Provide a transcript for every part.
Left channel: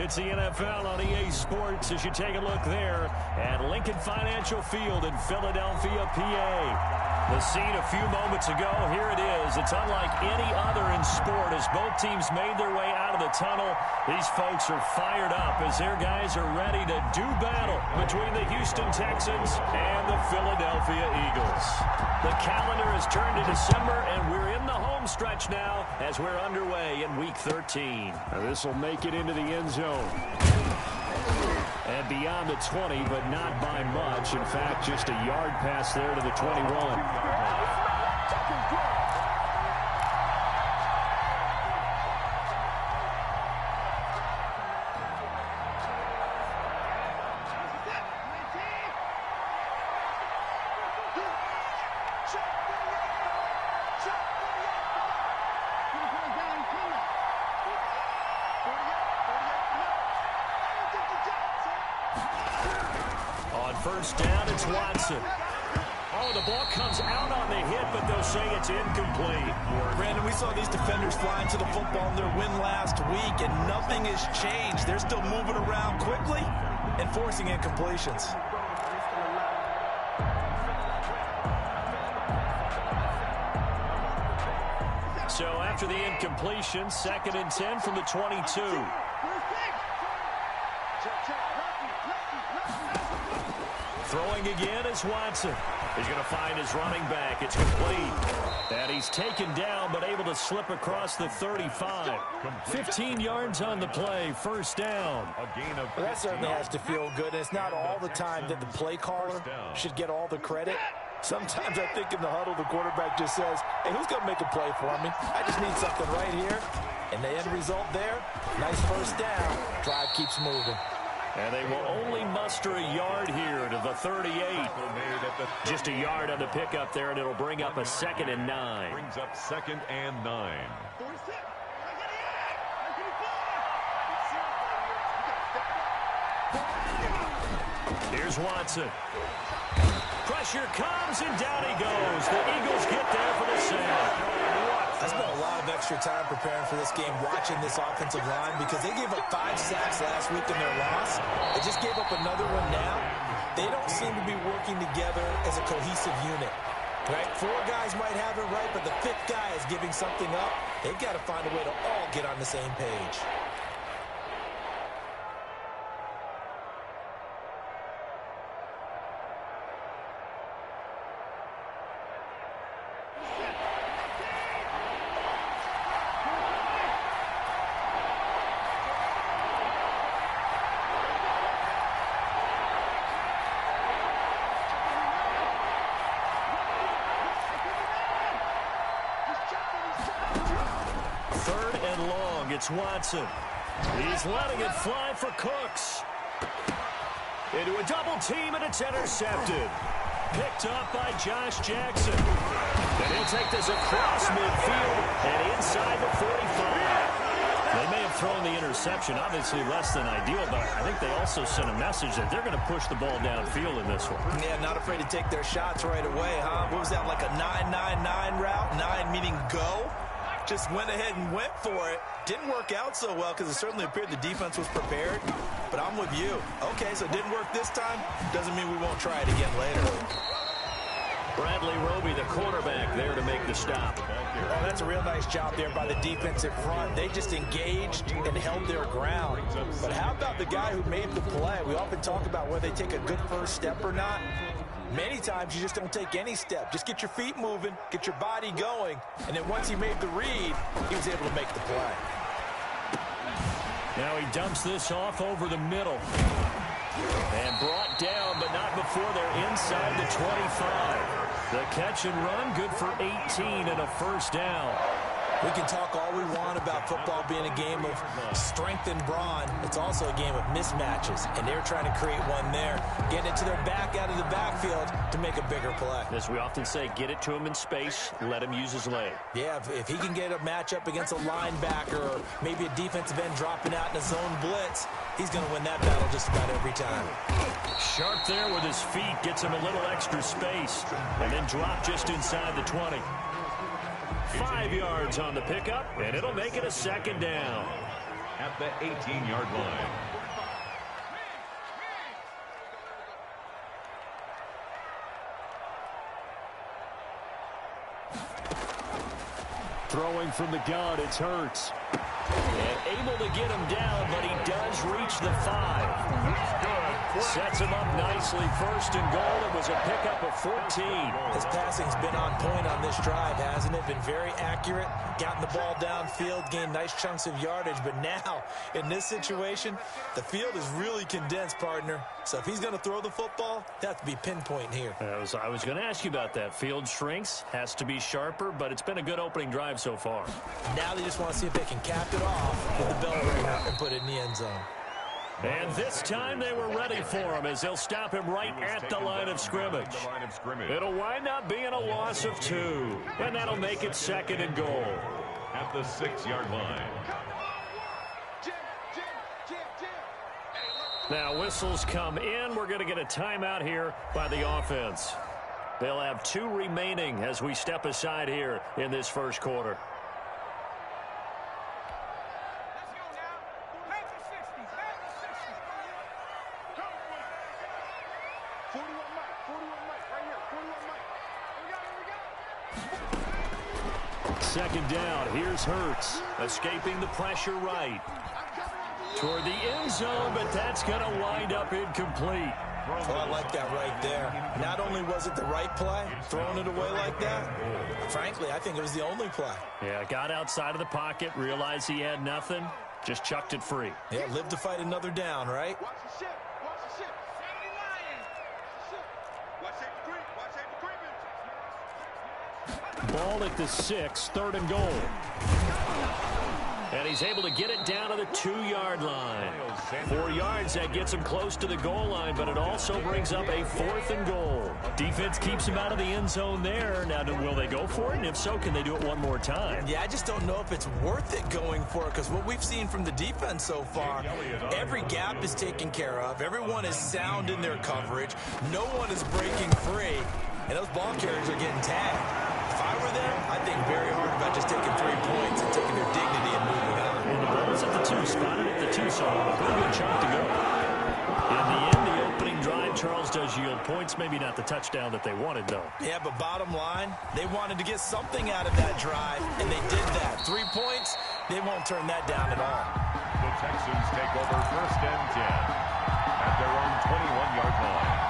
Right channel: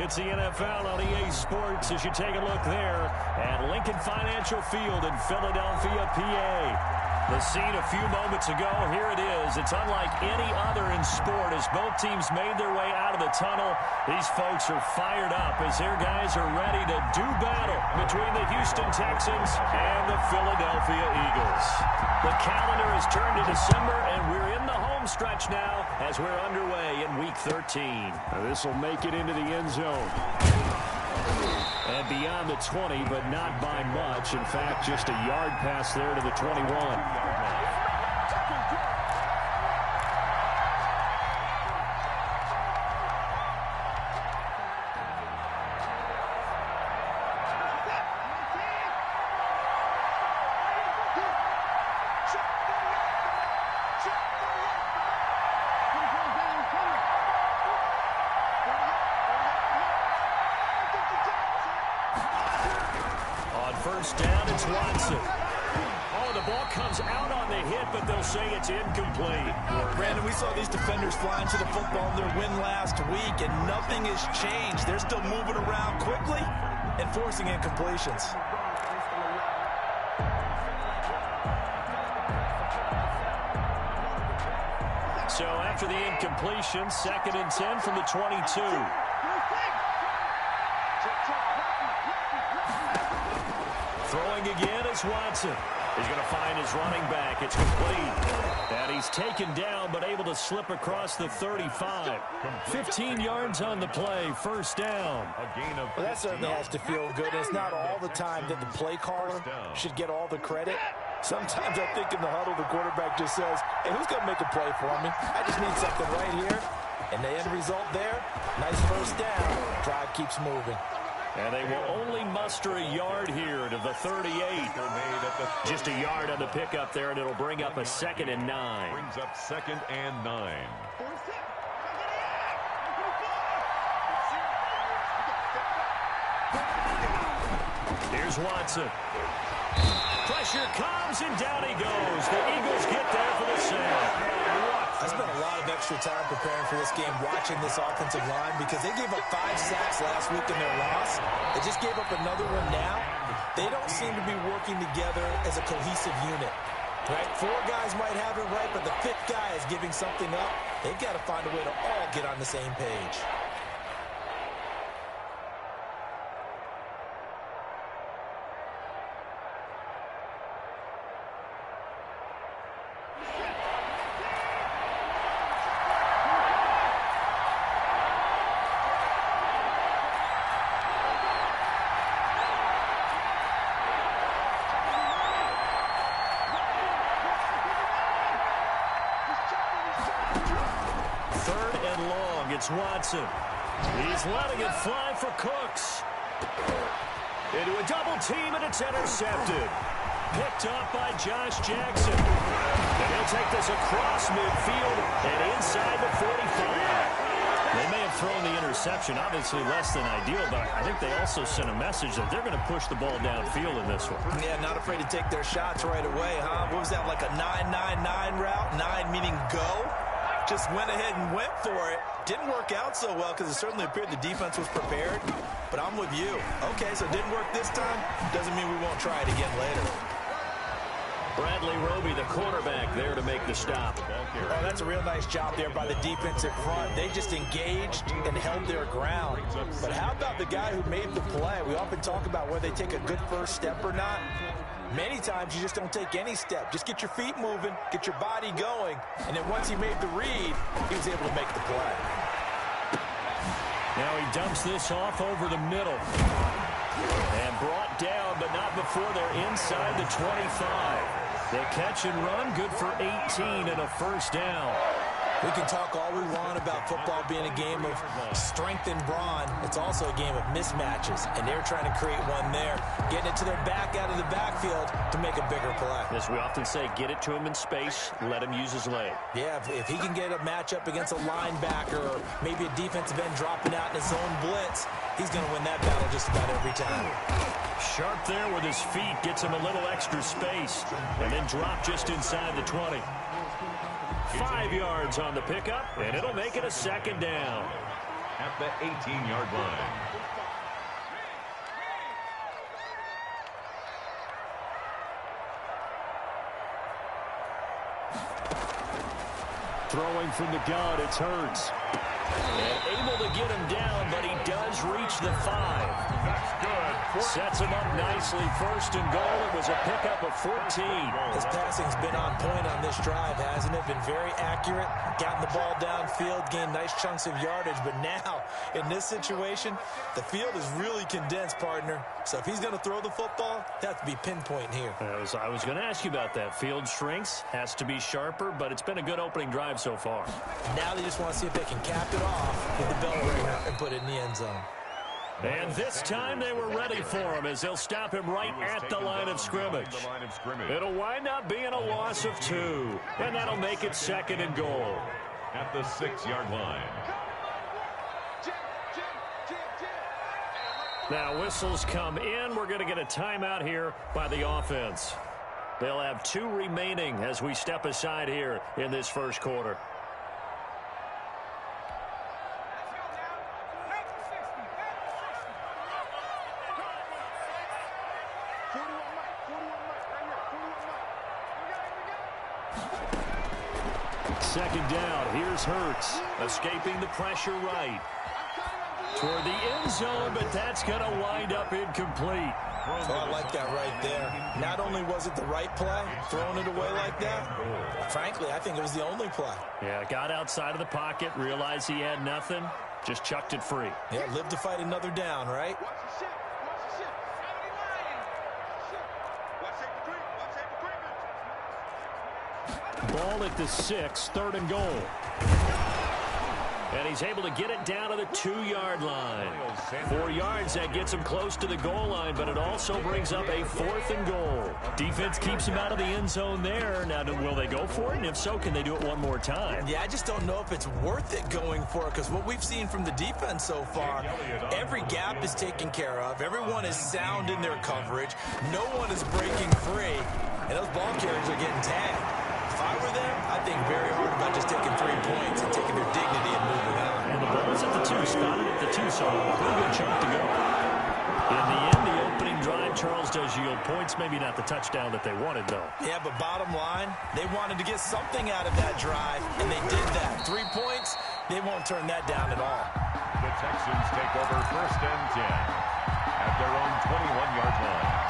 It's the NFL on EA Sports as you take a look there at Lincoln Financial Field in Philadelphia, PA. The scene a few moments ago, here it is. It's unlike any other in sport as both teams made their way out of the tunnel. These folks are fired up as their guys are ready to do battle between the Houston Texans and the Philadelphia Eagles. The calendar has turned to December, and we're in the home stretch now as we're underway in Week 13. This will make it into the end zone. And beyond the 20, but not by much. In fact, just a yard pass there to the 21. On first down, it's Watson. Oh, the ball comes out on the hit, but they'll say it's incomplete. Brandon, we saw these defenders flying to the football in their win last week, and nothing has changed. They're still moving around quickly and forcing incompletions. So after the incompletion, 2nd and 10 from the 22. Throwing again is Watson. He's going to find his running back. It's complete. And he's taken down, but able to slip across the 35. 15 yards on the play, first down. Well, that certainly has to feel good. It's not all the time that the play caller should get all the credit. Sometimes I think in the huddle, the quarterback just says, hey, who's going to make a play for me? I just need something right here. And the end result there, nice first down. Drive keeps moving. And they will only muster a yard here to the 38. Just a yard on the pickup there, and it'll bring up a 2nd and 9. Brings up 2nd and 9. Here's Watson. Pressure comes, and down he goes. The Eagles get there for the sack. I spent a lot of extra time preparing for this game, watching this offensive line, because they gave up 5 sacks last week in their loss. They just gave up another one now. They don't seem to be working together as a cohesive unit. Right? 4 guys might have it right, but the 5th guy is giving something up. They've got to find a way to all get on the same page. It's Watson. He's letting it fly for Cooks. Into a double team, and it's intercepted. Picked up by Josh Jackson. And he'll take this across midfield and inside the 45. They may have thrown the interception, obviously less than ideal, but I think they also sent a message that they're going to push the ball downfield in this one. Yeah, not afraid to take their shots right away, huh? What was that, like a 9-9-9 route? 9 meaning go? Just went ahead and went for it. Didn't work out so well because it certainly appeared the defense was prepared. But I'm with you. Okay, so it didn't work this time. Doesn't mean we won't try it again later. Bradley Roby, the quarterback, there to make the stop. Oh, that's a real nice job there by the defensive front. They just engaged and held their ground. But how about the guy who made the play? We often talk about whether they take a good first step or not. Many times you just don't take any step. Just get your feet moving, get your body going, and then once he made the read, he was able to make the play. Now he dumps this off over the middle. And brought down, but not before they're inside the 25. The catch and run, good for 18 and a first down. We can talk all we want about football being a game of strength and brawn. It's also a game of mismatches, and they're trying to create one there, getting it to their back out of the backfield to make a bigger play. As we often say, get it to him in space, let him use his leg. Yeah, if he can get a matchup against a linebacker or maybe a defensive end dropping out in a zone blitz, he's going to win that battle just about every time. Sharp there with his feet, gets him a little extra space, and then drop just inside the 20. 5 yards on the pickup, and it'll make it a second down. at the 18-yard line. Throwing from the gun, it's Hurts. And able to get him down, but he does reach the 5. That's good. Sets him up nicely. First and goal. It was a pickup of 14. His passing's been on point on this drive, hasn't it? Been very accurate. Gotten the ball downfield, gained nice chunks of yardage. But now, in this situation, the field is really condensed, partner. So if he's going to throw the football, it has to be pinpoint here. I was going to ask you about that. Field shrinks, has to be sharper, but it's been a good opening drive so far. Now they just want to see if they can cap it off with the bell ringer and put it in the end zone. And this time they were ready for him as they'll stop him right at the line of scrimmage. It'll wind up being a loss of 2, and that'll make it second and goal. At the 6-yard line. Now whistles come in. We're going to get a timeout here by the offense. They'll have 2 remaining as we step aside here in this first quarter. Second down. Here's Hurts. Escaping the pressure right. Toward the end zone, but that's going to wind up incomplete. Oh, I like that right there. Not only was it the right play, throwing it away like that, frankly, I think it was the only play. Yeah, got outside of the pocket, realized he had nothing, just chucked it free. Yeah, live to fight another down, right? Watch the ship. Watch the ship. 79. Watch safety creep. Watch safety creeping. Ball at the 6, third and goal. And he's able to get it down to the 2-yard line. 4 yards, that gets him close to the goal line, but it also brings up a 4th and goal. Defense keeps him out of the end zone there. Now, will they go for it? And if so, can they do it one more time? Yeah, I just don't know if it's worth it going for it, because what we've seen from the defense so far, every gap is taken care of. Everyone is sound in their coverage. No one is breaking free, and those ball carriers are getting tagged. If I were them, I'd think very hard about just taking 3 points and taking their dignity and moving on. And the ball's at the 2, spotted at the 2, so a pretty good chunk to go. In the end, the opening drive, Charles, does yield points. Maybe not the touchdown that they wanted, though. Yeah, but bottom line, they wanted to get something out of that drive, and they did that. 3 points, they won't turn that down at all. The Texans take over first and 10 at their own 21-yard line.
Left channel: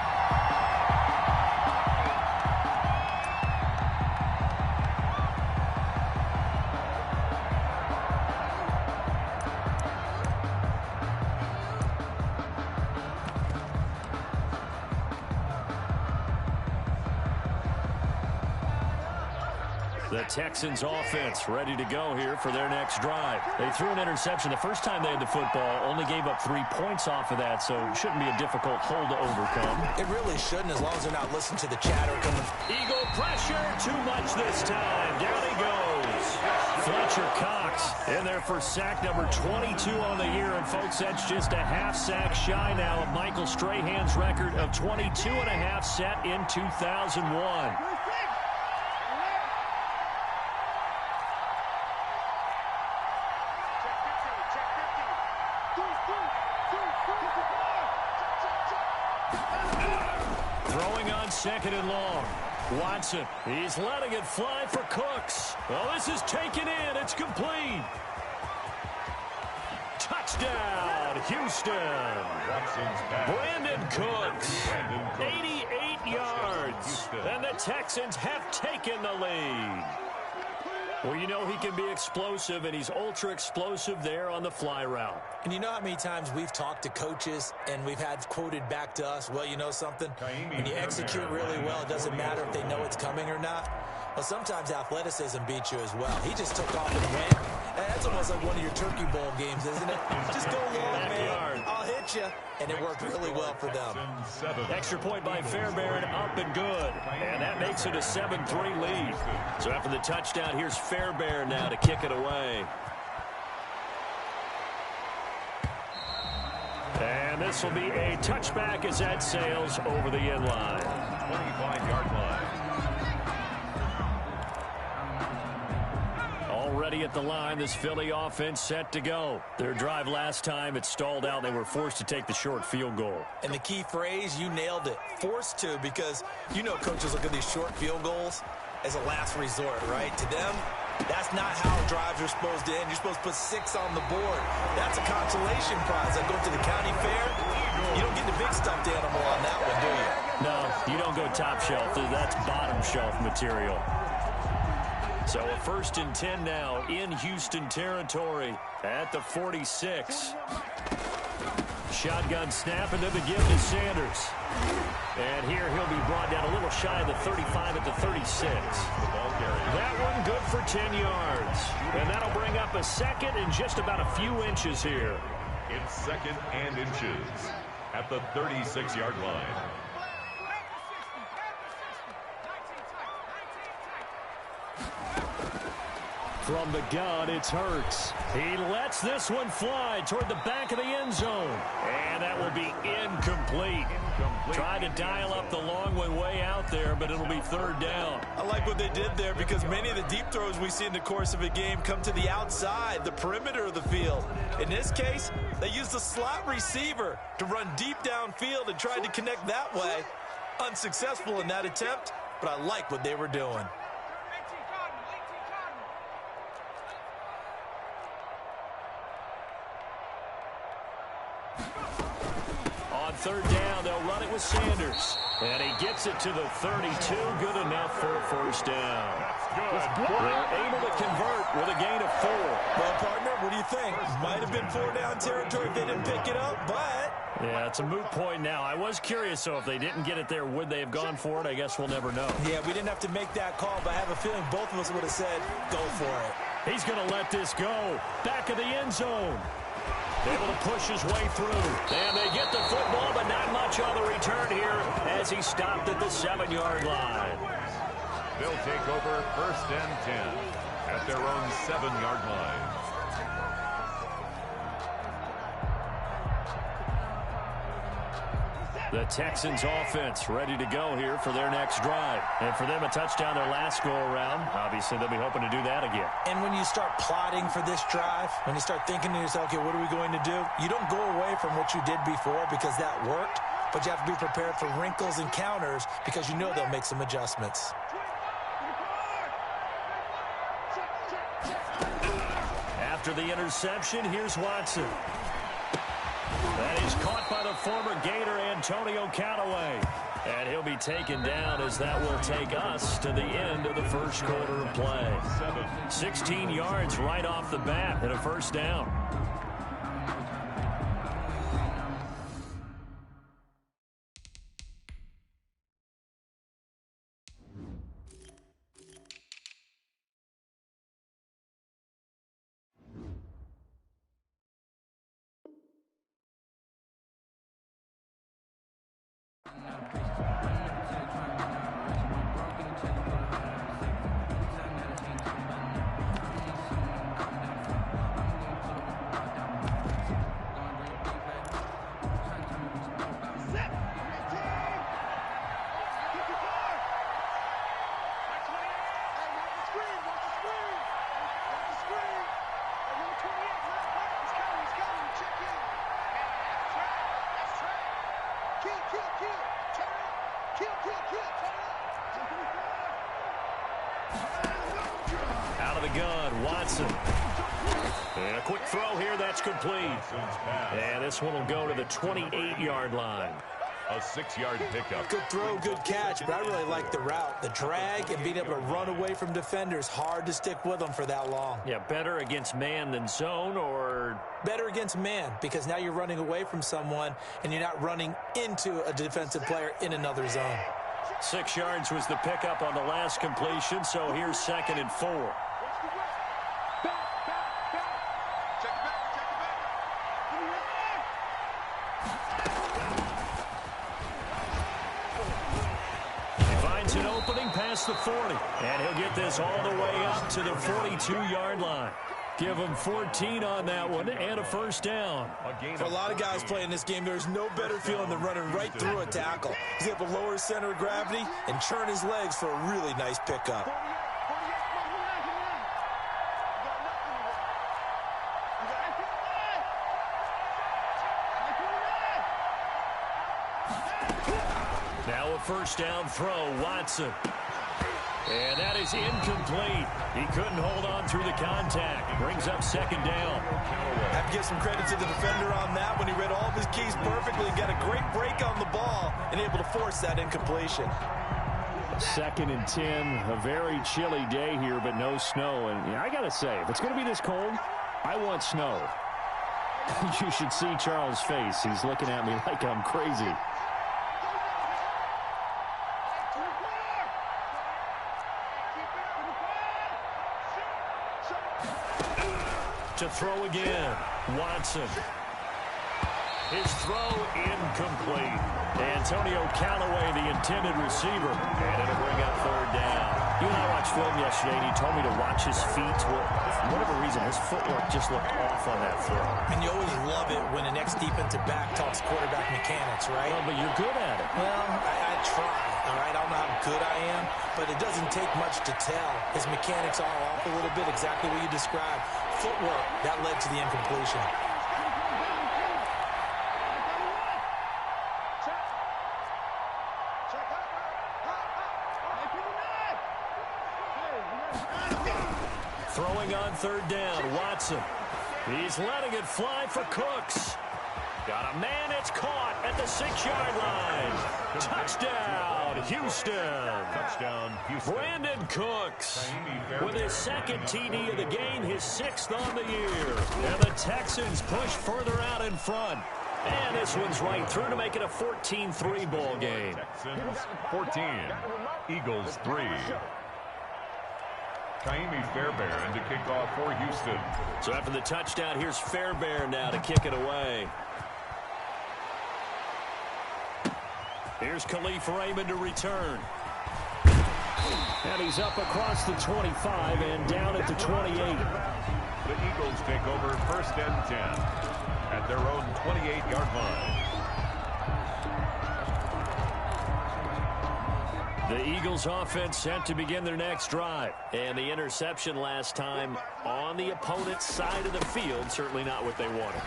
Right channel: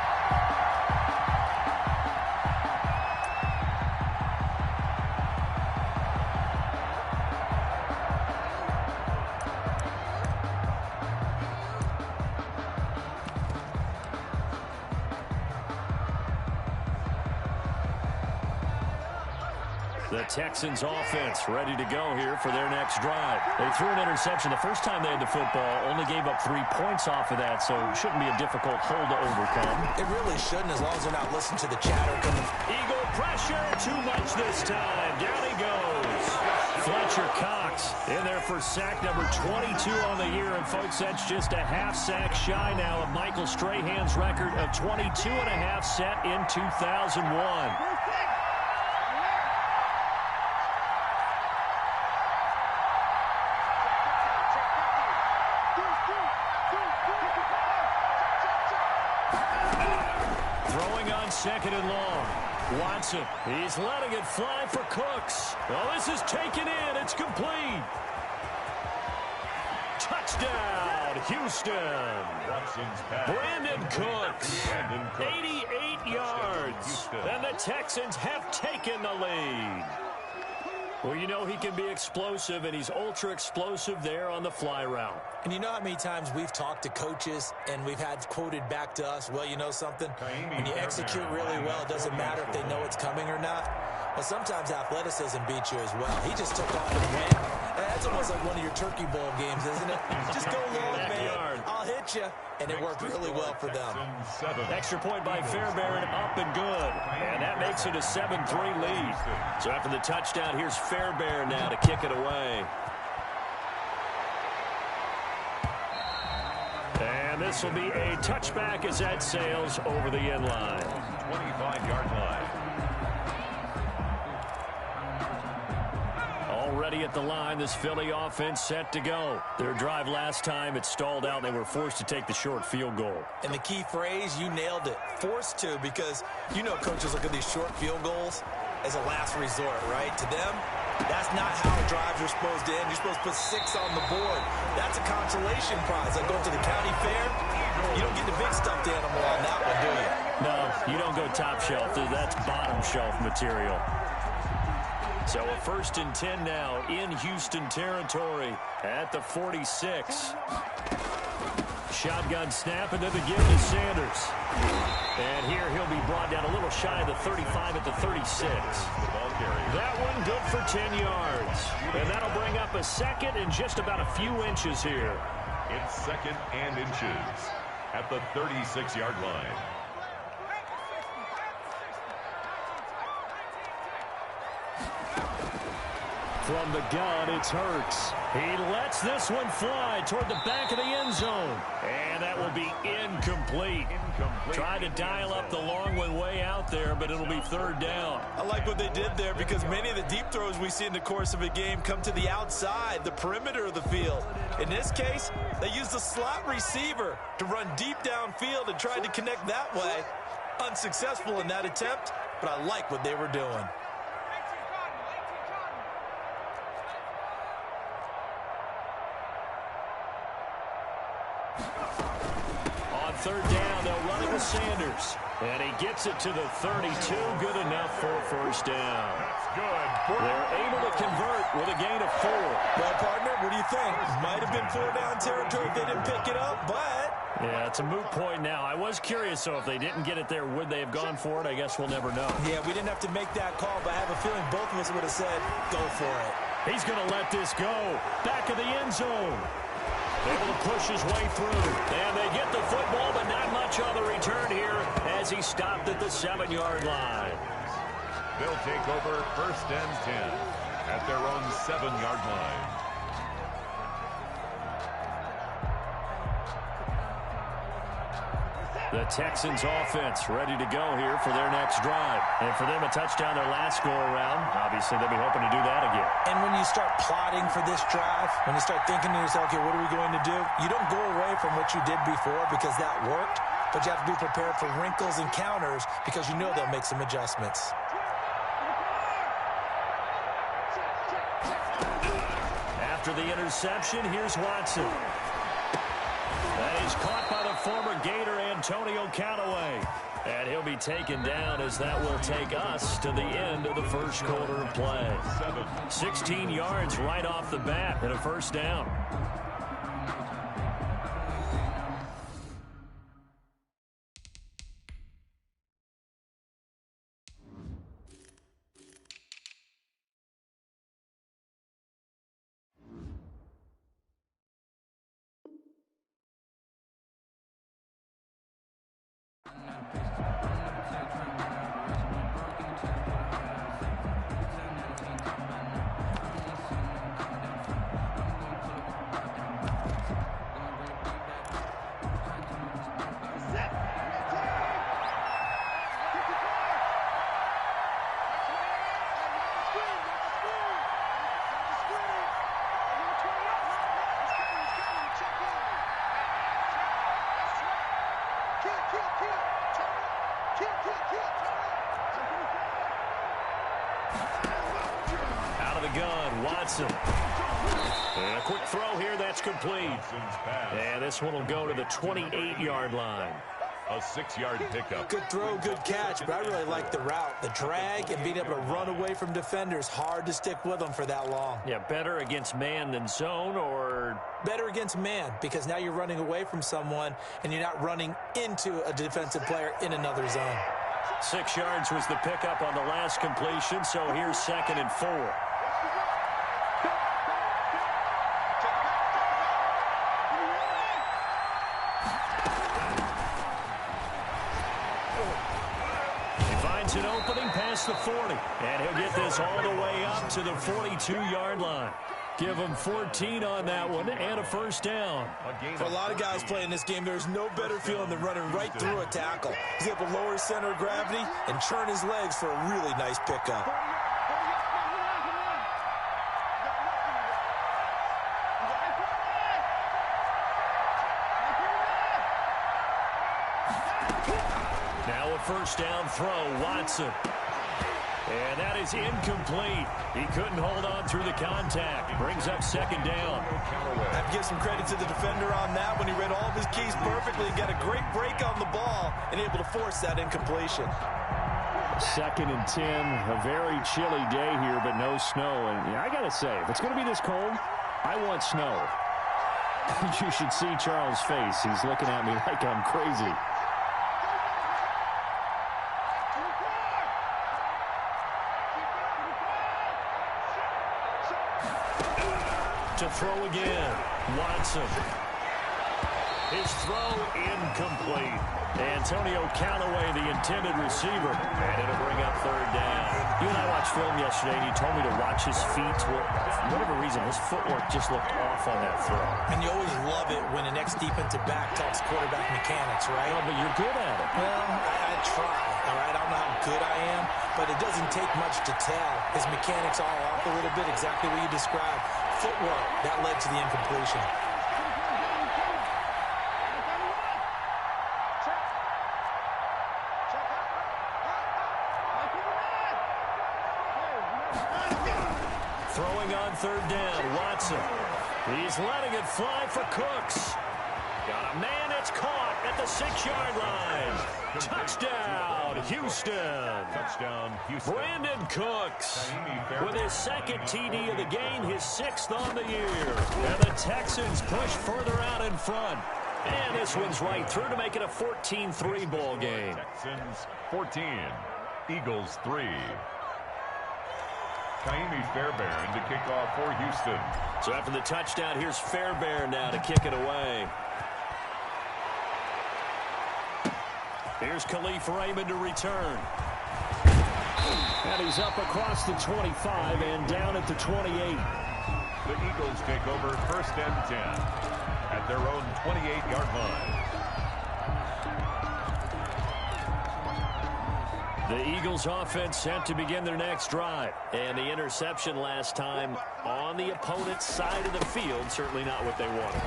The Texans offense ready to go here for their next drive. They threw an interception the first time they had the football, only gave up 3 points off of that, so it shouldn't be a difficult hole to overcome. It really shouldn't, as long as they're not listening to the chatter coming. Eagle pressure, too much this time. Down he goes. Fletcher Cox in there for sack number 22 on the year, and folks, that's just a half sack shy now of Michael Strahan's record of 22.5 set in 2001. Throwing on second and long. Watson, he's letting it fly for Cooks. Oh, this is taken in. It's complete. Touchdown, Houston. Brandon Cooks, 88 yards. And the Texans have taken the lead. Well, you know he can be explosive, and he's ultra-explosive there on the fly route. And you know how many times we've talked to coaches and we've had quoted back to us, well, you know something? When you execute really well, it doesn't matter if they know it's coming or not. Well, sometimes athleticism beats you as well. He just took off and went. That's almost like one of your Turkey Bowl games, isn't it? Just go long, man. I'll hit you. And it worked really well for them. Extra point by Fairbairn, up and good. And that makes it a 7-3 lead. So after the touchdown, here's Fairbairn now to kick it away. And this will be a touchback as that sails over the end line. 25-yard line. ready at the line. This Philly offense set to go. Their drive last time, it stalled out. They were forced to take the short field goal. And the key phrase, you nailed it, forced to, because you know coaches look at these short field goals as a last resort, right? To them, that's not how drives are supposed to end. You're supposed to put 6 on the board. That's a consolation prize. Like going to the county fair, you don't get the big stuffed animal on that one, do you? No, you don't go top shelf. That's bottom shelf material. So a 1st and 10 now in Houston territory at the 46. Shotgun snap, and then the give to Sanders. And here he'll be brought down a little shy of the 35 at the 36. That one good for 10 yards. And that'll bring up a 2nd and just about a few inches here. It's 2nd and inches at the 36-yard line. From the gun, it's Hurts. He lets this one fly toward the back of the end zone. And that will be incomplete. Tried to dial up the long one way out there, but it'll be 3rd down. I like what they did there because many of the deep throws we see in the course of a game come to the outside, the perimeter of the field. In this case, they used the slot receiver to run deep downfield and tried to connect that way. Unsuccessful in that attempt, but I like what they were doing. On 3rd down, they'll run it with Sanders. And he gets it to the 32. Good enough for a 1st down. That's good. They're able to convert with a gain of 4. Well, partner, what do you think? Might have been 4-down territory if they didn't pick it up, but... Yeah, it's a moot point now. I was curious, so if they didn't get it there, would they have gone for it? I guess we'll never know. Yeah, we didn't have to make that call, but I have a feeling both of us would have said, go for it. He's going to let this go. Back of the end zone. Able to push his way through. And they get the football, but not much on the return here as he stopped at the 7-yard line. They'll take over 1st and 10 at their own 7-yard line. The Texans offense ready to go here for their next drive. And for them, a touchdown their last go-around. Obviously, they'll be hoping to do that again. And when you start plotting for this drive, when you start thinking to yourself, okay, what are we going to do? You don't go away from what you did before because that worked, but you have to be prepared for wrinkles and counters because you know they'll make some adjustments. After the interception, here's Watson. That is caught by the former Gator Antonio Callaway. And he'll be taken down as that will take us to the end of the 1st quarter of play. 16 yards right off the bat and a 1st down. Out of the gun, Watson. And a quick throw here, that's complete. And this one will go to the 28-yard line. A 6-yard pickup. Good throw, good catch, but I really like the route. The drag and being able to run away from defenders, hard to stick with them for that long. Yeah, better against man than zone, or... Better against man, because now you're running away from someone and you're not running into a defensive player in another zone. 6 yards was the pickup on the last completion, so here's 2nd and 4. An opening past the 40, and he'll get this all the way up to the 42-yard line. Give him 14 on that one and a 1st down. For a lot of guys playing this game, there's no better feeling than running right through a tackle. He's able to lower his center of gravity and churn his legs for a really nice pickup. Now a first down throw, Watson. And that is incomplete. He couldn't hold on through the contact. Brings up second down. I have to give some credit to the defender on that when he read all of his keys perfectly and got a great break on the ball and able to force that incompletion. 2nd and 10, a very chilly day here, but no snow. And I got to say, if it's going to be this cold, I want snow. You should see Charles' face. He's looking at me like I'm crazy. To throw again, Watson. His throw incomplete. Antonio Callaway, the intended receiver, and it'll bring up third down. You and I watched film yesterday, and you told me to watch his feet. For whatever reason, his footwork just looked off on that throw. And you always love it when the next defensive back talks quarterback mechanics, right? Well, but you're good at it. Well, I try, all right? I don't know how good I am, but it doesn't take much to tell. His mechanics are off a little bit, exactly what you described. Footwork, that led to the incompletion. Throwing on third down, Watson. He's letting it fly for Cooks. Got a man, it's caught at the 6-yard line. Touchdown, Houston. Touchdown, Houston. Brandon Cooks with his 2nd TD of the game, his 6th on the year. And the Texans push further out in front. And this one's right through to make it a 14-3 ball game. Texans 14, Eagles 3. Kaimi Fairbairn to kick off for Houston. So after the touchdown, here's Fairbairn now to kick it away. Here's Khalif Raymond to return. And he's up across the 25 and down at the 28. The Eagles take over 1st and 10 at their own 28-yard line. The Eagles offense set to begin their next drive. And the interception last time on the opponent's side of the field, certainly not what they wanted.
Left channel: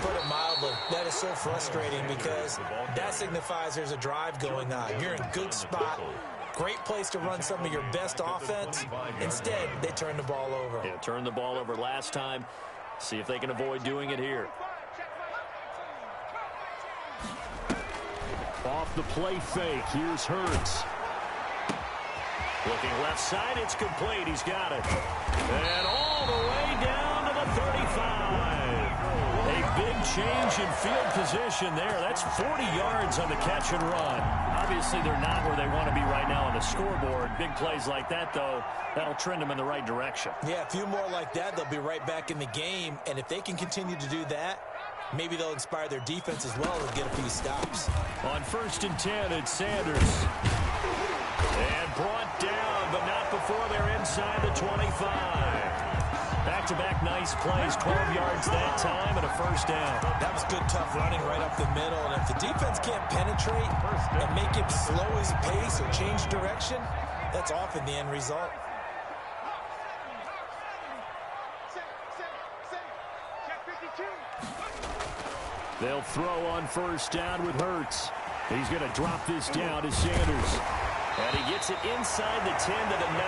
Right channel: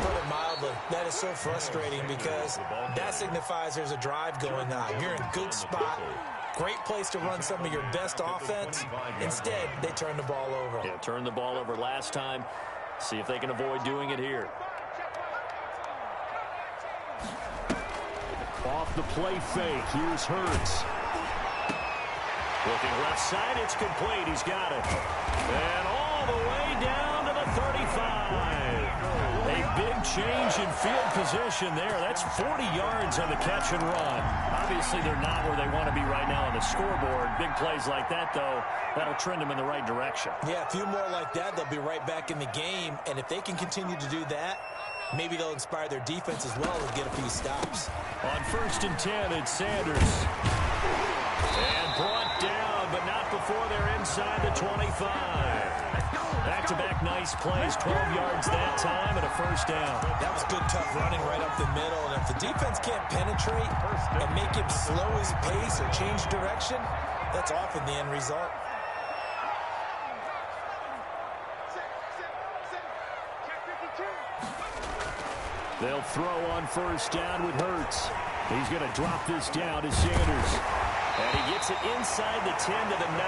Put it mildly, that is so frustrating because that signifies there's a drive going on. You're in a good spot, great place to run some of your best offense. Instead, they turn the ball over. Yeah, turned the ball over last time. See if they can avoid doing it here. Off the play fake, here's Hurts. Looking left side, it's complete. He's got it. And all the way down to the 35. A big change in field position there. That's 40 yards on the catch and run. Obviously, they're not where they want to be right now on the scoreboard. Big plays like that, though, that'll trend them in the right direction. Yeah, a few more like that, they'll be right back in the game. And if they can continue to do that, maybe they'll inspire their defense as well and get a few stops. On 1st and 10, it's Sanders. And brought down, but not before they're inside the 25. Back-to-back nice plays, 12 yards that time, and a first down. That was good, tough running right up the middle. And if the defense can't penetrate and make him slow his pace or change direction, that's often the end result. They'll throw on 1st down with Hurts. He's going to drop this down to Sanders. And he gets it inside the 10 to the 9.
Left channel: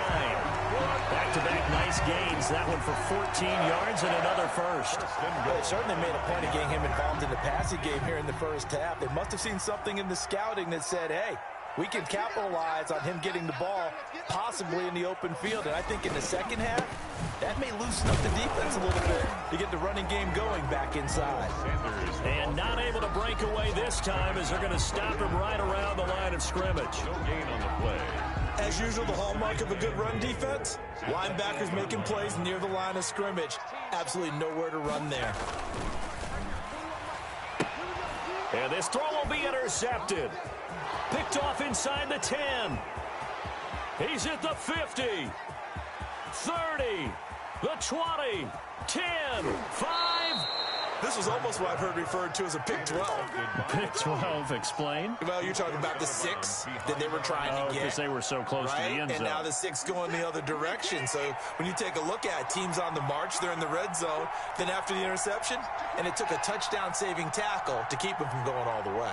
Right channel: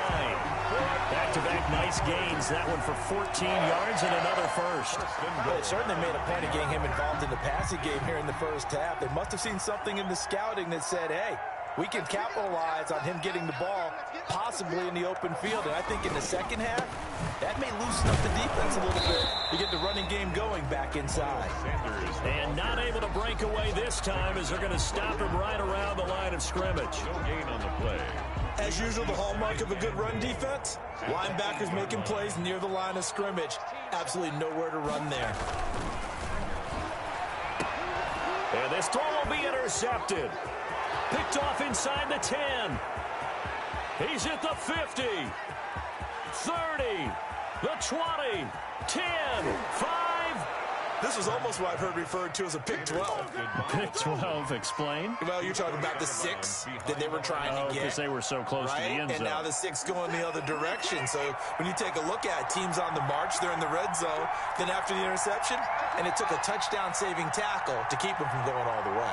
Back-to-back nice gains. That one for 14 yards and another first. Well, they certainly made a point of getting him involved in the passing game here in the first half. They must have seen something in the scouting that said, hey, we can capitalize on him getting the ball, possibly in the open field. And I think in the second half, that may loosen up the defense a little bit to get the running game going back inside. And not able to break away this time as they're going to stop him right around the line of scrimmage. No gain on the play. As usual, the hallmark of a good run defense, linebackers making plays near the line of scrimmage. Absolutely nowhere to run there. And this throw will be intercepted. Picked off inside the 10. He's at the 50. 30. The 20. 10. 5. This was almost what I've heard referred to as a pick 12. Pick 12, explain. Well, you're talking about the 6 that they were trying to get. Because they were so close to the end zone. And now the 6 going the other direction. So when you take a look at teams on the march, they're in the red zone. Then after the interception, and it took a touchdown-saving tackle to keep them from going all the way.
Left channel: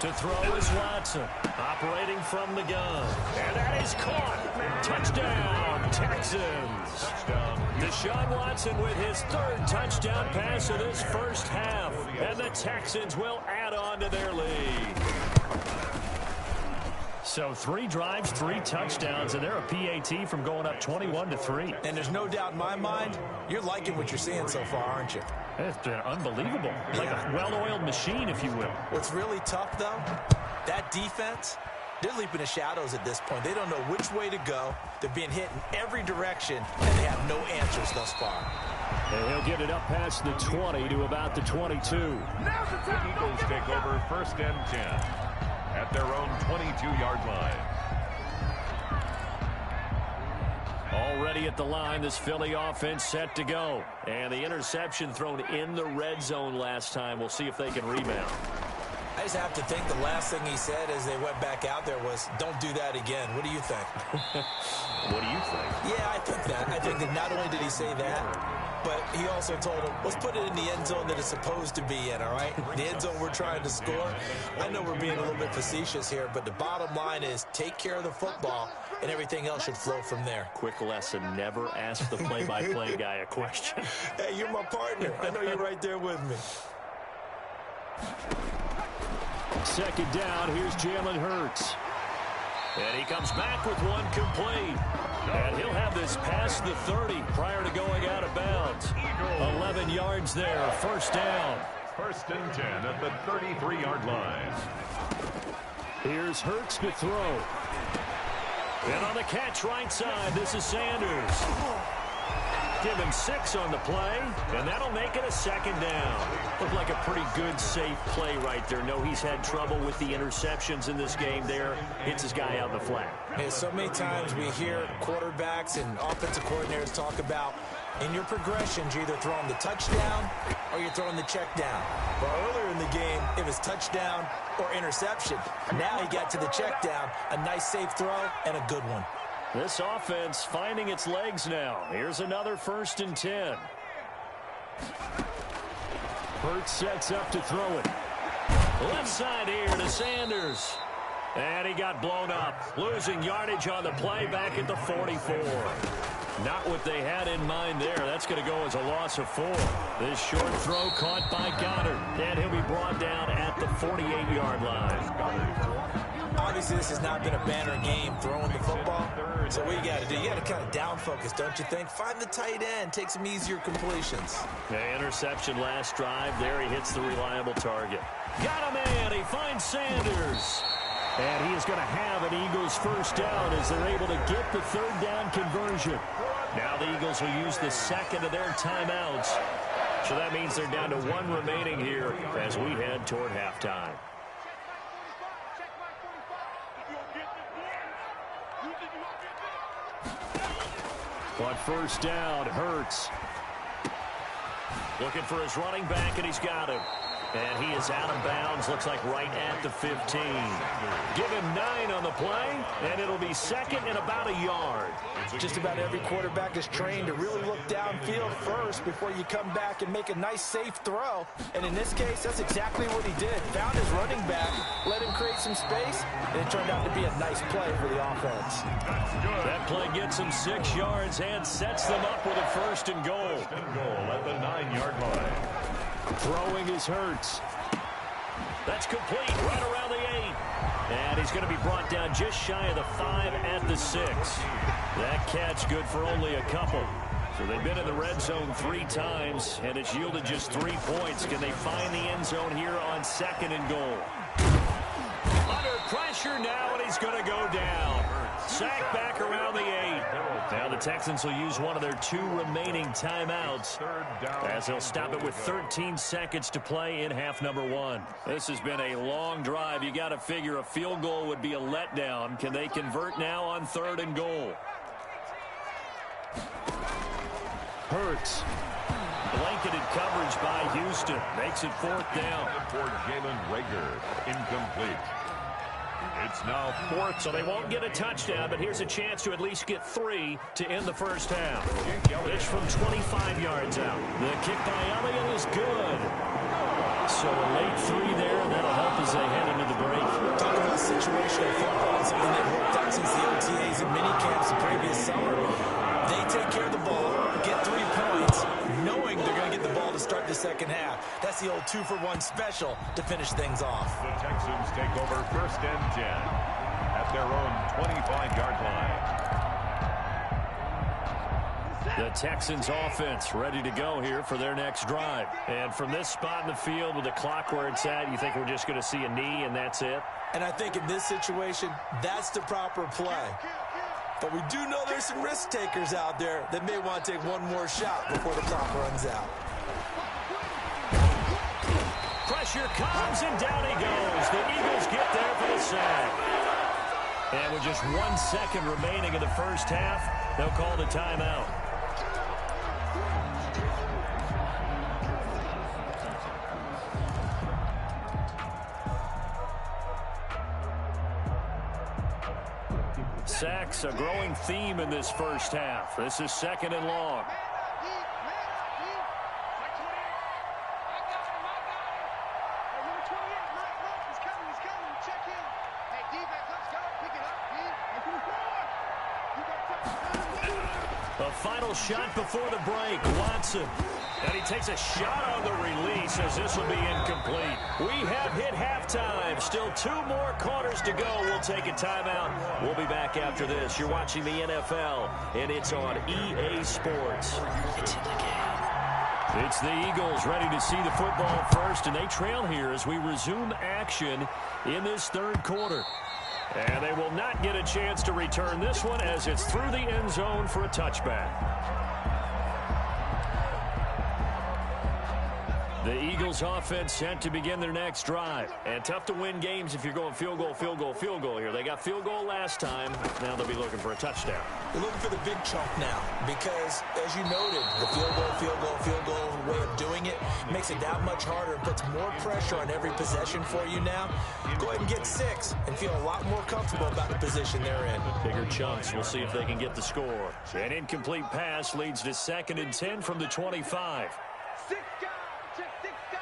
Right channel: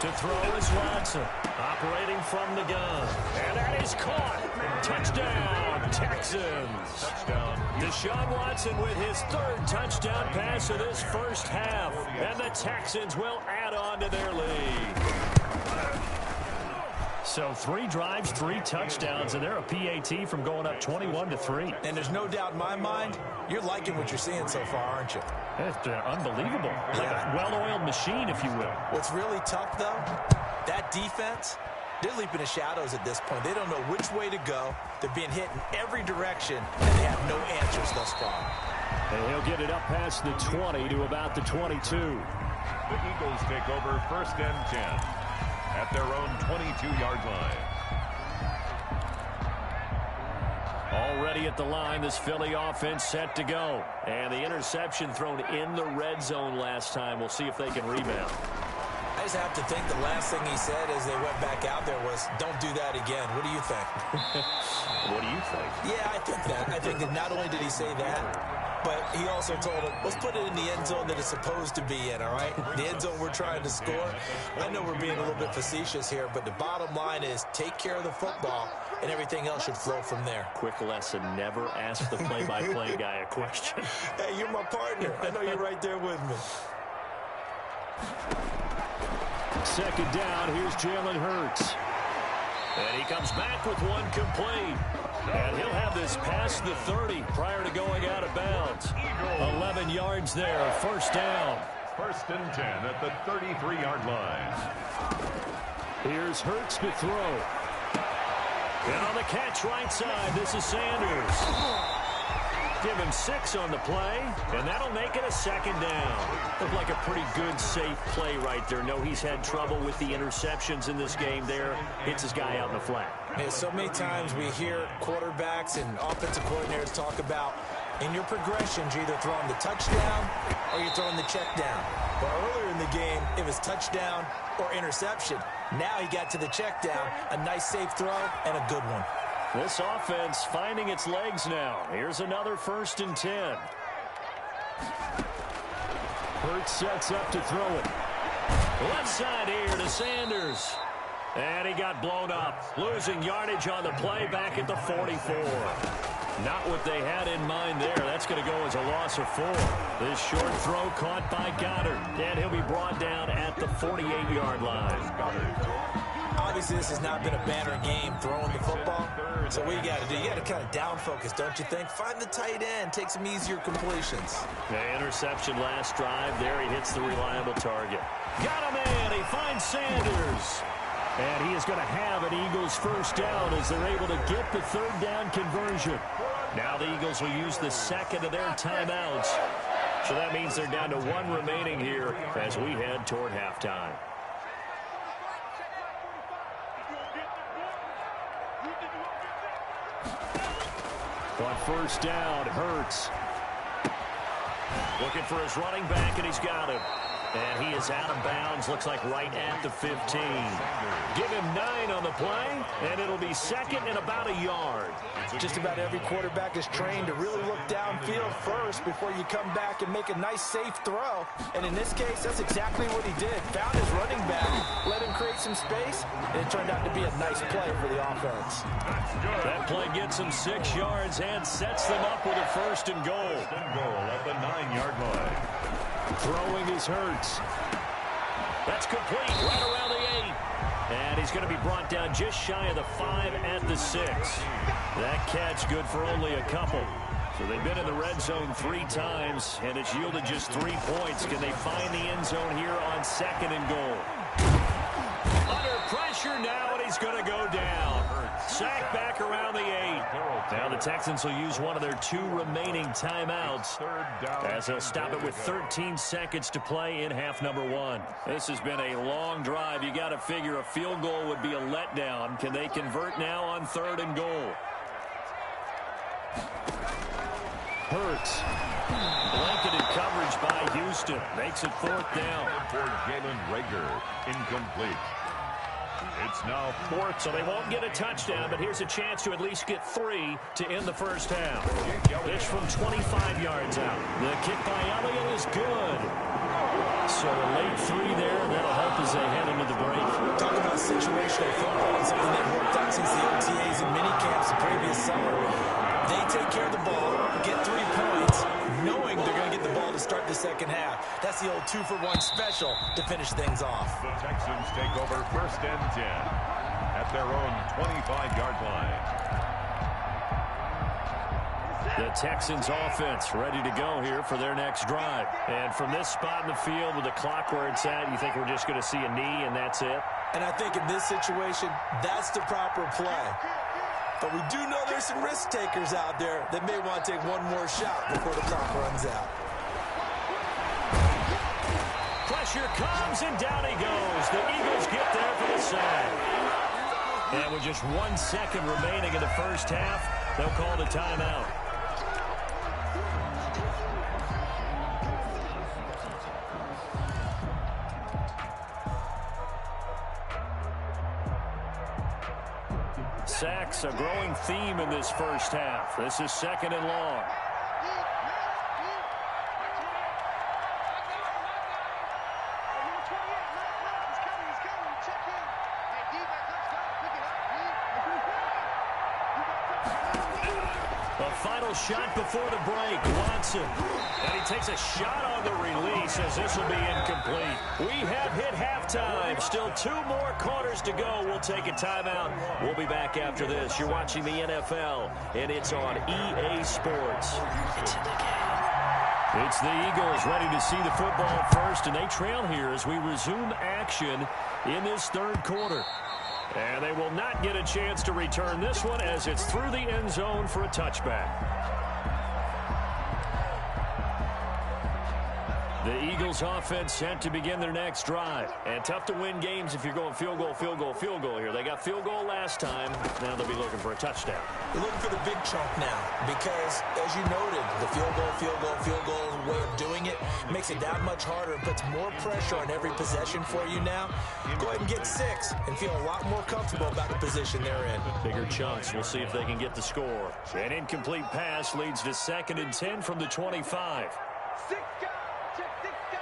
To throw is Watson, operating from the gun. And that is caught. Touchdown, Texans. Touchdown. Deshaun Watson with his third touchdown pass of this first half. And the Texans will add on to their lead. So 3 drives, 3 touchdowns, and they're a PAT from going up 21-3. And there's no doubt in my mind, you're liking what you're seeing so far, aren't you? It's been unbelievable. Like a well-oiled machine, if you will. What's really tough, though, that defense, they're leaping the shadows at this point. They don't know which way to go. They're being hit in every direction, and they have no answers thus far. And he'll get it up past the 20 to about the 22. The Eagles take over 1st and 10 at their own 22-yard line. Already at the line, this Philly offense set to go. And the interception thrown in the red zone last time. We'll see if they can rebound. I just have to think the last thing he said as they went back out there was, don't do that again. What do you think? What do you think? Yeah, I think that. I think that not only did he say that, but he also told him, let's put it in the end zone that it's supposed to be in, all right? The end zone we're trying to score. I know we're being a little bit facetious here, but the bottom line is take care of the football, and everything else should flow from there. Quick lesson, never ask the play-by-play guy a question. Hey, you're my partner. I know you're right there with me. Second down, here's Jalen Hurts. And he comes back with one complete. And he'll have this past the 30 prior to going out of bounds. 11 yards there, 1st down. 1st and 10 at the 33-yard line. Here's Hurts to throw. And on the catch right side, this is Sanders. Give him 6 on the play, and that'll make it a 2nd down. Looked like a pretty good, safe play right there. No, he's had trouble with the interceptions in this game there. Hits his guy out in the flat. Yeah, so many times we hear quarterbacks and offensive coordinators talk about in your progressions, you're either throwing the touchdown or you're throwing the check down. But earlier in the game, it was touchdown or interception. Now he got to the check down, a nice safe throw, and a good one. This offense finding its legs now. Here's another 1st and 10. Hurts sets up to throw it. Left side here to Sanders. And he got blown up. Losing yardage on the play back at the 44. Not what they had in mind there. That's going to go as a loss of 4. This short throw caught by Goddard. And he'll be brought down at the 48-yard line. Obviously, this has not been a banner game throwing the football. So what you got to do, you got to kind of down focus, don't you think? Find the tight end, take some easier completions. The interception last drive there. He hits the reliable target. Got him in. He finds Sanders. And he is going to have an Eagles 1st down as they're able to get the 3rd down conversion. Now the Eagles will use the 2nd of their timeouts. So that means they're down to 1 remaining here as we head toward halftime. On 1st down, Hurts. Looking for his running back, and he's got him. And he is out of bounds, looks like right at the 15. Give him 9 on the play, and it'll be 2nd and about a yard. Just about every quarterback is trained to really look downfield first before you come back and make a nice, safe throw. And in this case, that's exactly what he did. Found his running back, let him create some space, and it turned out to be a nice play for the offense. That play gets him 6 yards and sets them up with a 1st and goal. 1st and goal at the 9-yard line. Throwing is Hurts. That's complete right around the 8. And he's going to be brought down just shy of the 5 at the 6. That catch good for only a couple. So they've been in the red zone 3 times, and it's yielded just 3 points. Can they find the end zone here on 2nd and goal? Under pressure now, and he's going to go down. Sack back around the 8. Now the Texans will use one of their 2 remaining timeouts as they'll stop it with 13 seconds to play in half number 1. This has been a long drive. You got to figure a field goal would be a letdown. Can they convert now on 3rd and goal? Hurts. Blanketed coverage by Houston. Makes it 4th down. For Jalen Reagor. Incomplete. It's now 4th. So they won't get a touchdown, but here's a chance to at least get 3 to end the 1st half. Pitch from 25 yards out. The kick by Elliott is good. So a late 3 there, and that'll help as they head into the break. Talk about situational football and something they've worked out since the OTAs and mini camps the previous summer. They take care of the ball, get 3 points, knowing they're going to get the ball to start the second half. That's the old 2-for-1 special to finish things off. The Texans take over 1st and 10 at their own 25-yard line. The Texans offense ready to go here for their next drive. And from this spot in the field with the clock where it's at, you think we're just going to see a knee and that's it? And I think in this situation, that's the proper play. But we do know there's some risk takers out there that may want to take one more shot before the clock runs out. Pressure comes and down he goes. The Eagles get there for the sack. And with just 1 second remaining in the first half, they'll call the timeout. Sacks, a growing theme in this first half. This is 2nd and long. A final shot before the break. Watson. And he takes a shot on the release as this will be incomplete. We have hit halftime. Still 2 more quarters to go. We'll take a timeout. We'll be back after this. You're watching the NFL, and it's on EA Sports. It's in the game. It's the Eagles ready to see the football first, and they trail here as we resume action in this 3rd quarter. And they will not get a chance to return this one as it's through the end zone for a touchback. The Eagles offense set to begin their next drive. And tough to win games if you're going field goal, field goal, field goal here. They got field goal last time. Now they'll be looking for a touchdown. They're looking for the big chunk now because, as you noted, the field goal, field goal, field goal way of doing it makes it that much harder and puts more pressure on every possession for you now. Go ahead and get 6 and feel a lot more comfortable about the position they're in. Bigger chunks. We'll see if they can get the score. An incomplete pass leads to 2nd and 10 from the 25. 6 guys. Check 6 guys.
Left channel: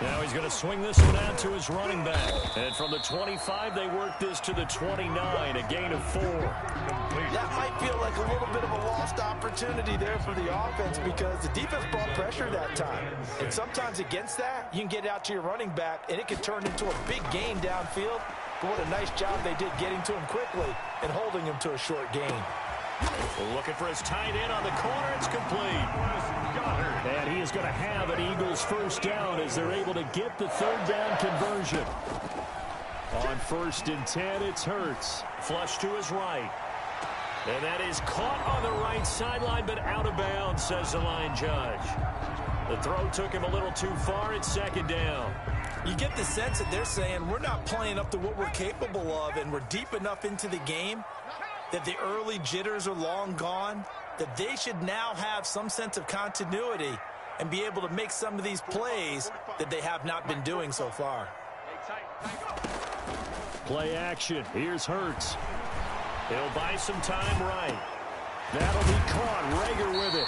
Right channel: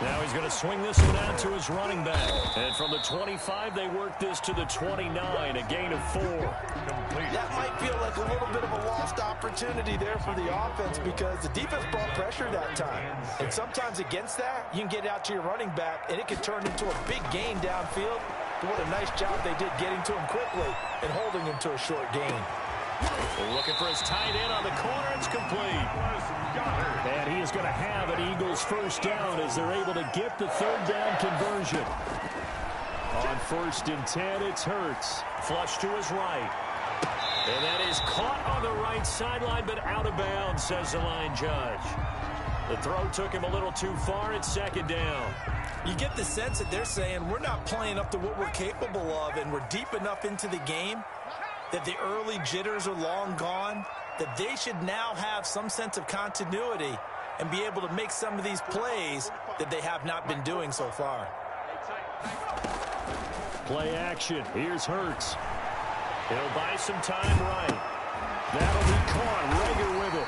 Now he's going to swing this one out to his running back. And from the 25, they work this to the 29, a gain of 4. Complete. That might feel like a little bit of a lost opportunity there for the offense because the defense brought pressure that time. And sometimes against that, you can get out to your running back, and it can turn into a big gain downfield. But what a nice job they did getting to him quickly and holding him to a short gain. Looking for his tight end on the corner. It's complete. And he is going to have an Eagles first down as they're able to get the 3rd down conversion. On 1st and 10, it's Hurts. Flush to his right. And that is caught on the right sideline, but out of bounds, says the line judge. The throw took him a little too far. It's 2nd down. You get the sense that they're saying we're not playing up to what we're capable of, and we're deep enough into the game that the early jitters are long gone, that they should now have some sense of continuity and be able to make some of these plays that they have not been doing so far. Play action. Here's Hurts. He'll buy some time right. That'll be caught. Rager with it.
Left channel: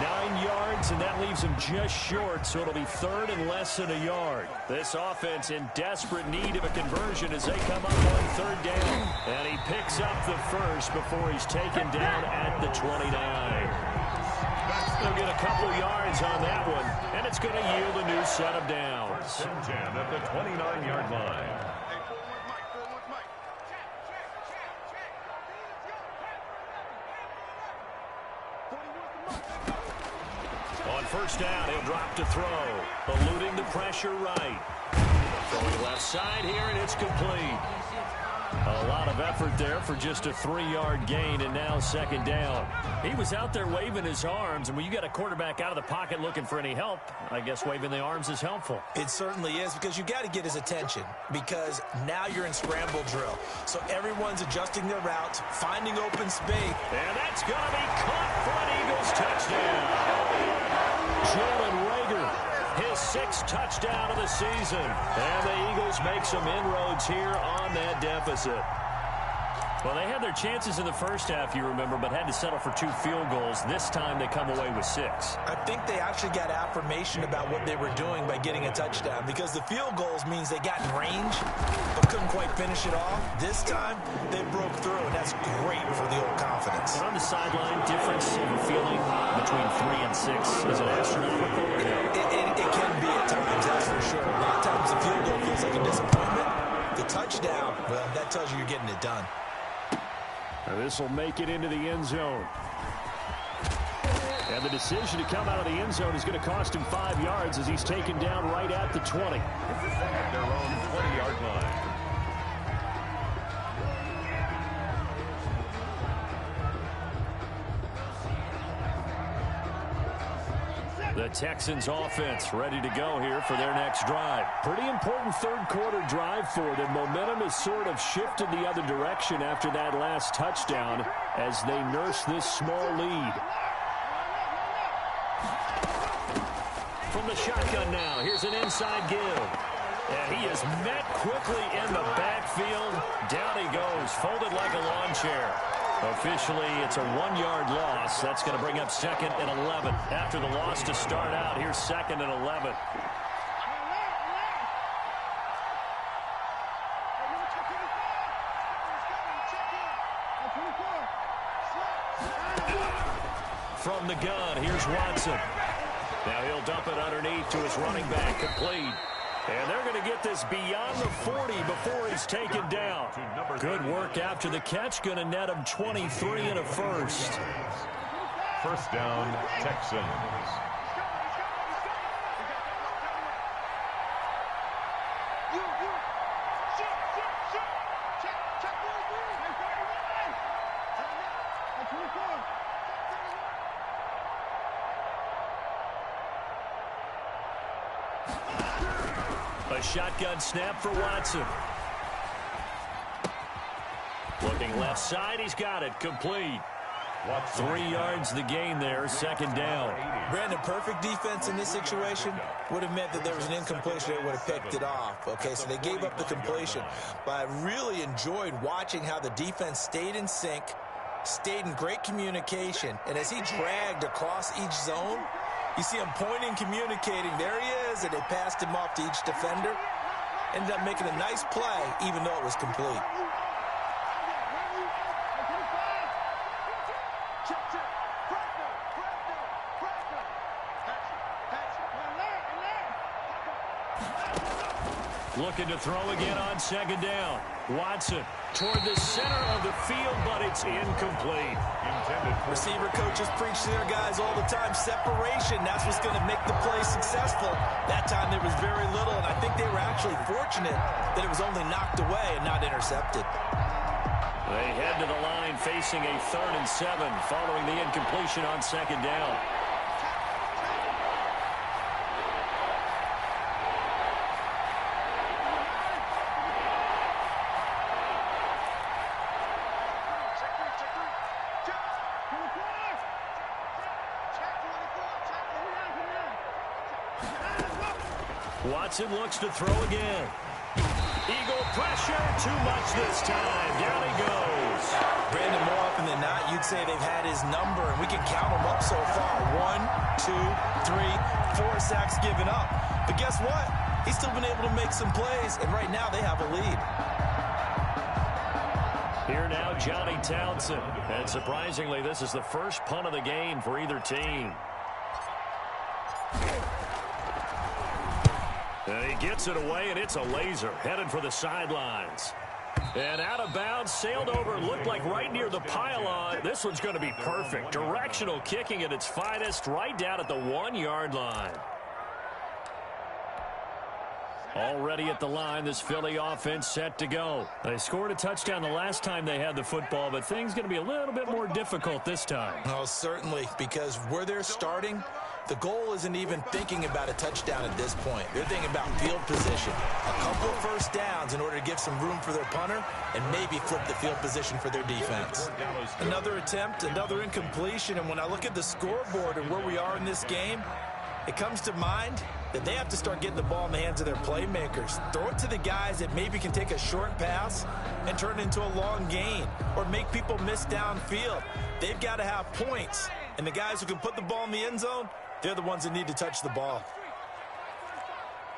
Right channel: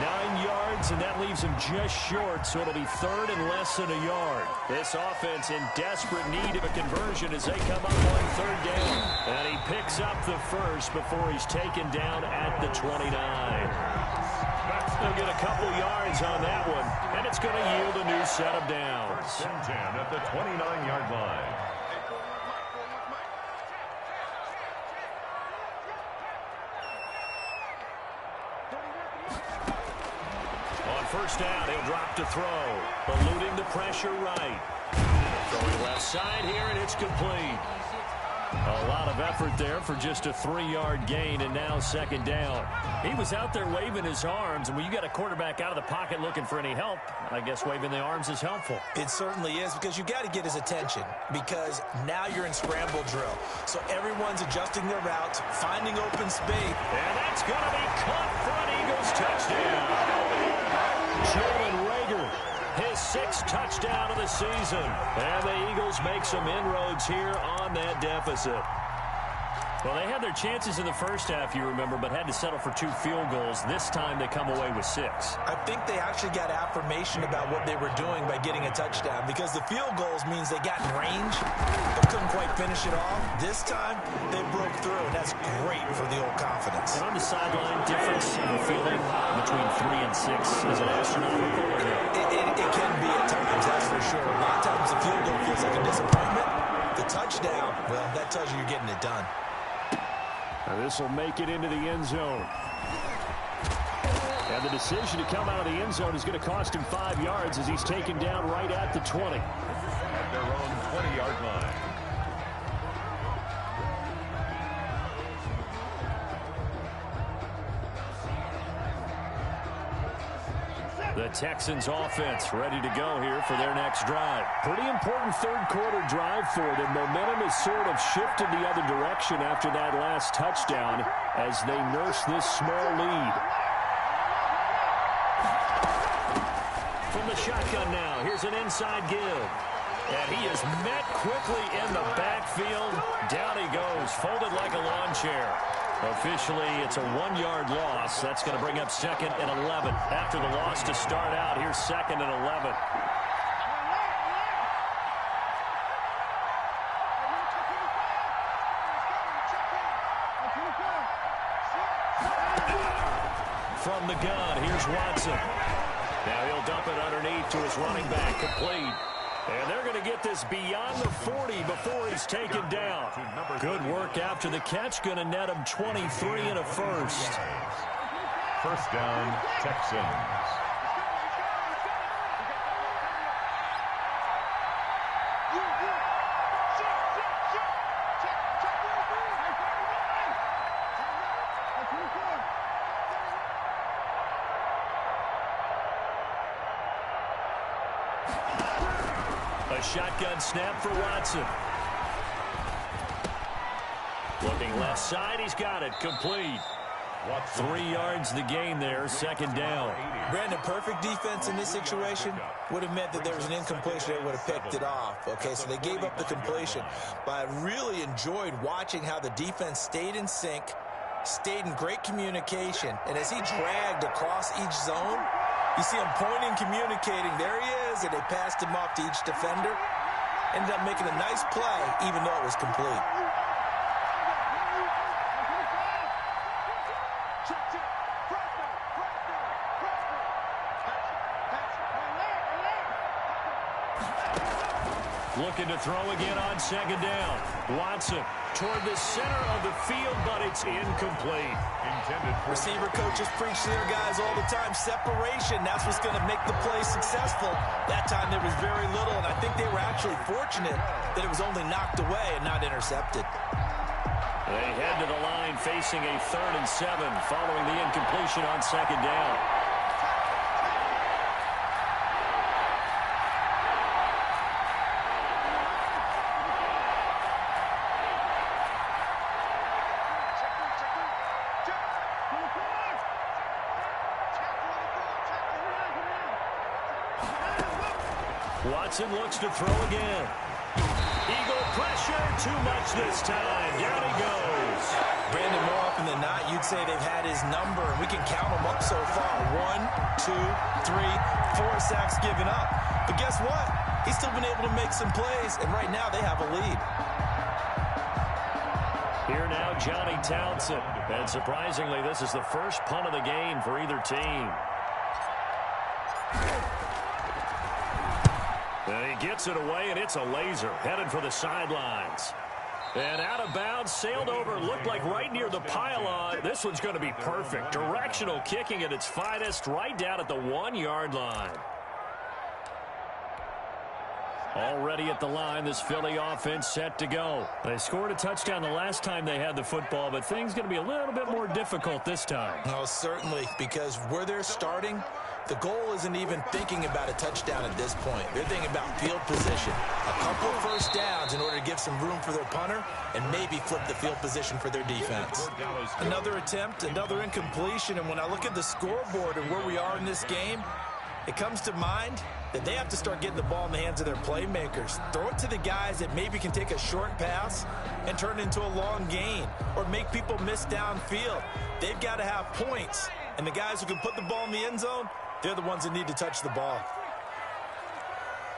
9 yards, and that leaves him just short, so it'll be 3rd and less than a yard. This offense in desperate need of a conversion as they come up on 3rd down. And he picks up the first before he's taken down at the 29. They'll get a couple yards on that one, and it's going to yield a new set of downs. 1st and 10 at the 29-yard line. Hey, 4-1 Mike, 4-1 Mike. On 1st down, he'll drop to throw, eluding the pressure right. Throwing left side here, and it's complete. A lot of effort there for just a 3-yard gain, and now 2nd down. He was out there waving his arms, and when you got a quarterback out of the pocket looking for any help, I guess waving the arms is helpful. It certainly is, because you got to get his attention, because now you're in scramble drill. So everyone's adjusting their routes, finding open space. And that's going to be caught for an Eagles touchdown. Jalen Rager, his 6th touchdown of the season. And the Eagles make some inroads here on that deficit. Well, they had their chances in the first half, you remember, but had to settle for 2 field goals. This time they come away with 6. I think they actually got affirmation about what they were doing by getting a touchdown, because the field goals means they got in range but couldn't quite finish it off. This time they broke through, and that's great for the old confidence. And on the sideline, difference of a feeling between 3 and 6, is it astronomical or no? It can be at times, that's for sure. A lot of times the field goal feels like a disappointment. The touchdown, well, that tells you you're getting it done. And this will make it into the end zone. And the decision to come out of the end zone is going to cost him 5 yards as he's taken down right at the 20. At their own 20-yard line. The Texans offense ready to go here for their next drive. Pretty important third quarter drive for them. Momentum has sort of shifted the other direction after that last touchdown as they nurse this small lead. From the shotgun now, here's an inside give. And he is met quickly in the backfield. Down he goes, folded like a lawn chair. Officially, it's a 1-yard loss. That's going to bring up 2nd and 11. After the loss to start out, here's 2nd and 11. From the gun, here's Watson. Now he'll dump it underneath to his running back, complete. And they're going to get this beyond the 40 before he's taken down. Good work after the catch. Going to net him 23 and a first. First down, Texans. A shotgun snap for Watson. Looking left side, he's got it, complete. 3 yards the gain there, 2nd down. Brandon, perfect defense in this situation would have meant that there was an incompletion. They would have picked it off. Okay, so they gave up the completion. But I really enjoyed watching how the defense stayed in sync, stayed in great communication, and as he dragged across each zone, you see him pointing, communicating. There he is, and they passed him off to each defender. Ended up making a nice play, even though it was complete. Looking to throw again on 2nd down. Watson toward the center of the field, but it's incomplete. Receiver coaches preach to their guys all the time. Separation, that's what's going to make the play successful. That time there was very little, and I think they were actually fortunate that it was only knocked away and not intercepted. They head to the line facing a 3rd and 7 following the incompletion on 2nd down. Watson looks to throw again. Eagle pressure, too much this time. Down he goes. Brandon, more often than not, you'd say they've had his number, and we can count them up so far. 1, 2, 3, 4 sacks given up. But guess what? He's still been able to make some plays, and right now they have a lead. Here now, Johnny Townsend. And surprisingly, this is the first punt of the game for either team. And he gets it away, and it's a laser. Headed for the sidelines. And out of bounds, sailed over, looked like right near the pylon. This one's going to be perfect. Directional kicking at its finest, right down at the 1-yard line. Already at the line, this Philly offense set to go. They scored a touchdown the last time they had the football, but things going to be a little bit more difficult this time. Oh, certainly, because where they're starting, the goal isn't even thinking about a touchdown at this point. They're thinking about field position. A couple first downs in order to give some room for their punter and maybe flip the field position for their defense. Another attempt, another incompletion, and when I look at the scoreboard and where we are in this game, it comes to mind that they have to start getting the ball in the hands of their playmakers. Throw it to the guys that maybe can take a short pass and turn it into a long gain or make people miss downfield. They've got to have points, and the guys who can put the ball in the end zone, they're the ones that need to touch the ball.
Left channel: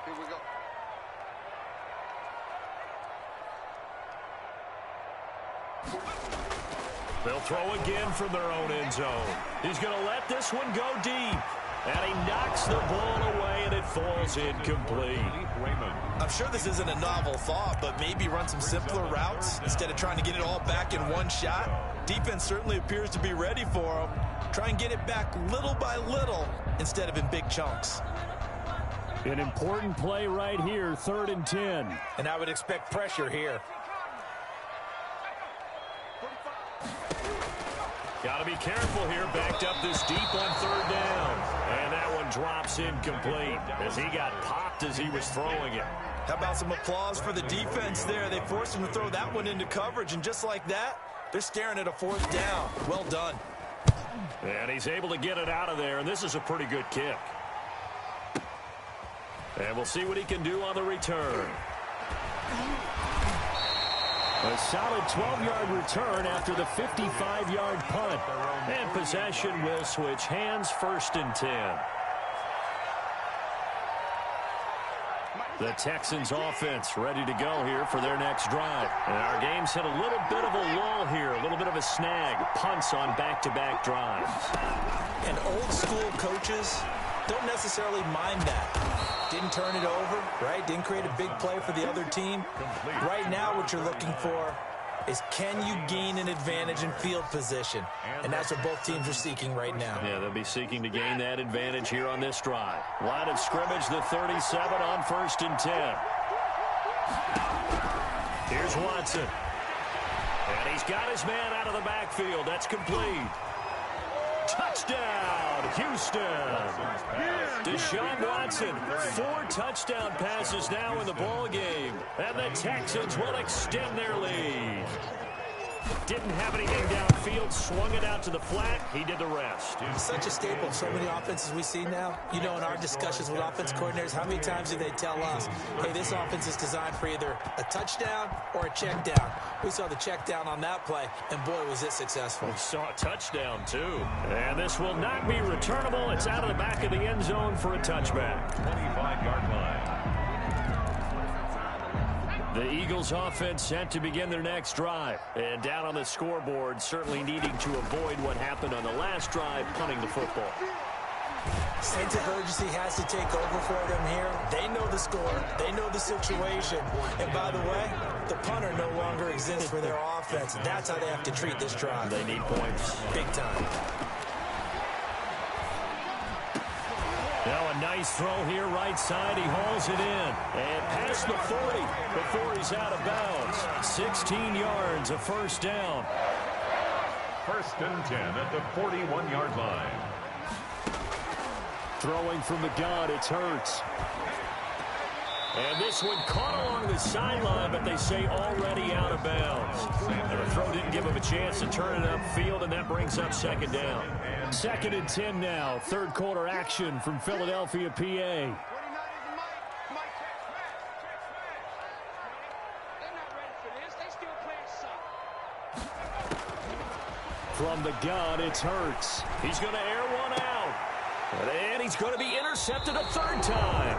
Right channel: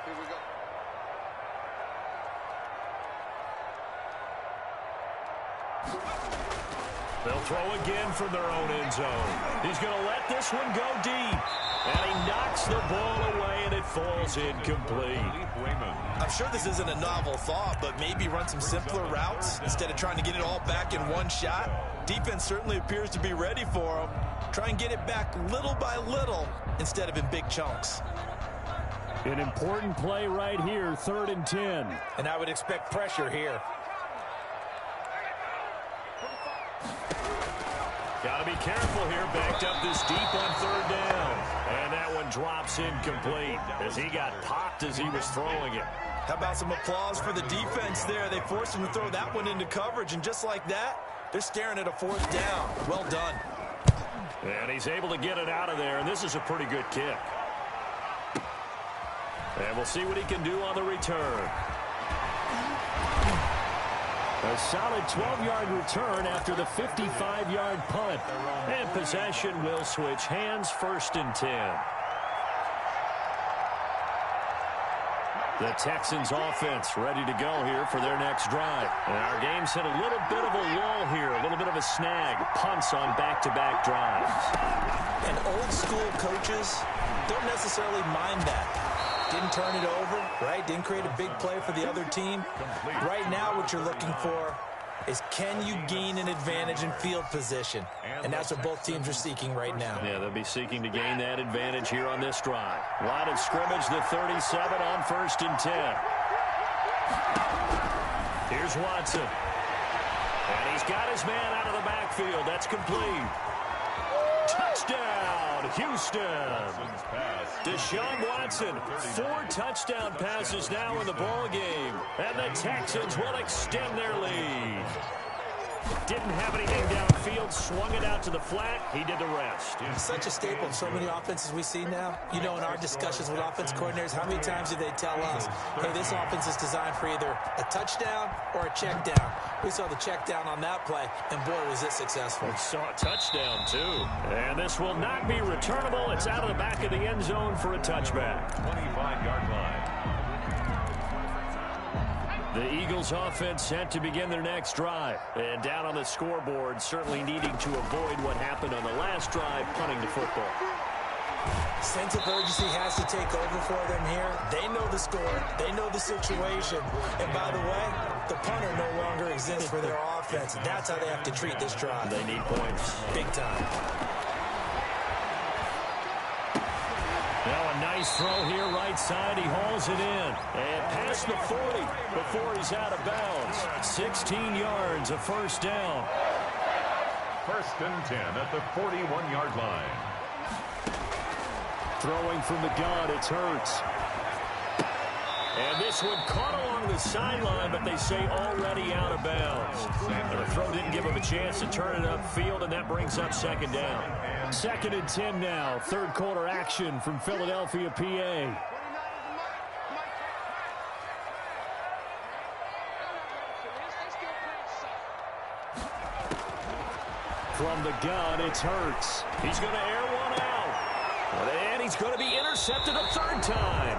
Here we go. They'll throw again from their own end zone. He's going to let this one go deep. And he knocks the ball away, and it falls incomplete. I'm sure this isn't a novel thought, but maybe run some simpler routes instead of trying to get it all back in one shot. Defense certainly appears to be ready for him. Try and get it back little by little instead of in big chunks. An important play right here, 3rd and 10. And I would expect pressure here. Got to be careful here, backed up this deep on 3rd down. And that one drops incomplete as he got popped as he was throwing it. How about some applause for the defense there? They forced him to throw that one into coverage, and just like that, they're staring at a 4th down. Well done. And he's able to get it out of there, and this is a pretty good kick. And we'll see what he can do on the return. A solid 12-yard return after the 55-yard punt. And possession will switch hands, 1st and 10. The Texans offense ready to go here for their next drive. And our game's hit a little bit of a lull here, a little bit of a snag. Punts on back-to-back drives. And old school coaches don't necessarily mind that. Didn't turn it over, right? Didn't create a big play for the other team. Right now what you're looking for is, can you gain an advantage in field position? And that's what both teams are seeking right now. Yeah, they'll be seeking to gain that advantage here on this drive. Line of scrimmage, the 37 on 1st and 10. Here's Watson. And he's got his man out of the backfield. That's complete. Touchdown, Houston. Deshaun Watson, 4 touchdown passes now in the ball game. And the Texans will extend their lead. Didn't have anything downfield, swung it out to the flat. He did the rest. Such a staple of so many offenses we see now. You know, in our discussions with offense coordinators, how many times do they tell us, hey, this offense is designed for either a touchdown or a check down. We saw the check down on that play, and boy, was it successful. We saw a touchdown, too. And this will not be returnable. It's out of the back of the end zone for a touchback. 25-yard line. The Eagles offense set to begin their next drive. And down on the scoreboard, certainly needing to avoid what happened on the last drive, punting the football. Sense of urgency has to take over for them here. They know the score. They know the situation. And by the way, the punter no longer exists for their offense. That's how they have to treat this drive. They need points. Big time. Now a nice throw here, right side. He hauls it in. And past the 40 before he's out of bounds. 16 yards, a 1st down. 1st and 10 at the 41-yard line. Throwing from the gun, it's Hurts. And this one caught along the sideline, but they say already out of bounds. And the throw didn't give him a chance to turn it upfield, and that brings up 2nd down. 2nd and 10 now. 3rd quarter action from Philadelphia, PA. From the gun, it's Hurts. He's going to air one out. And he's going to be intercepted a 3rd time.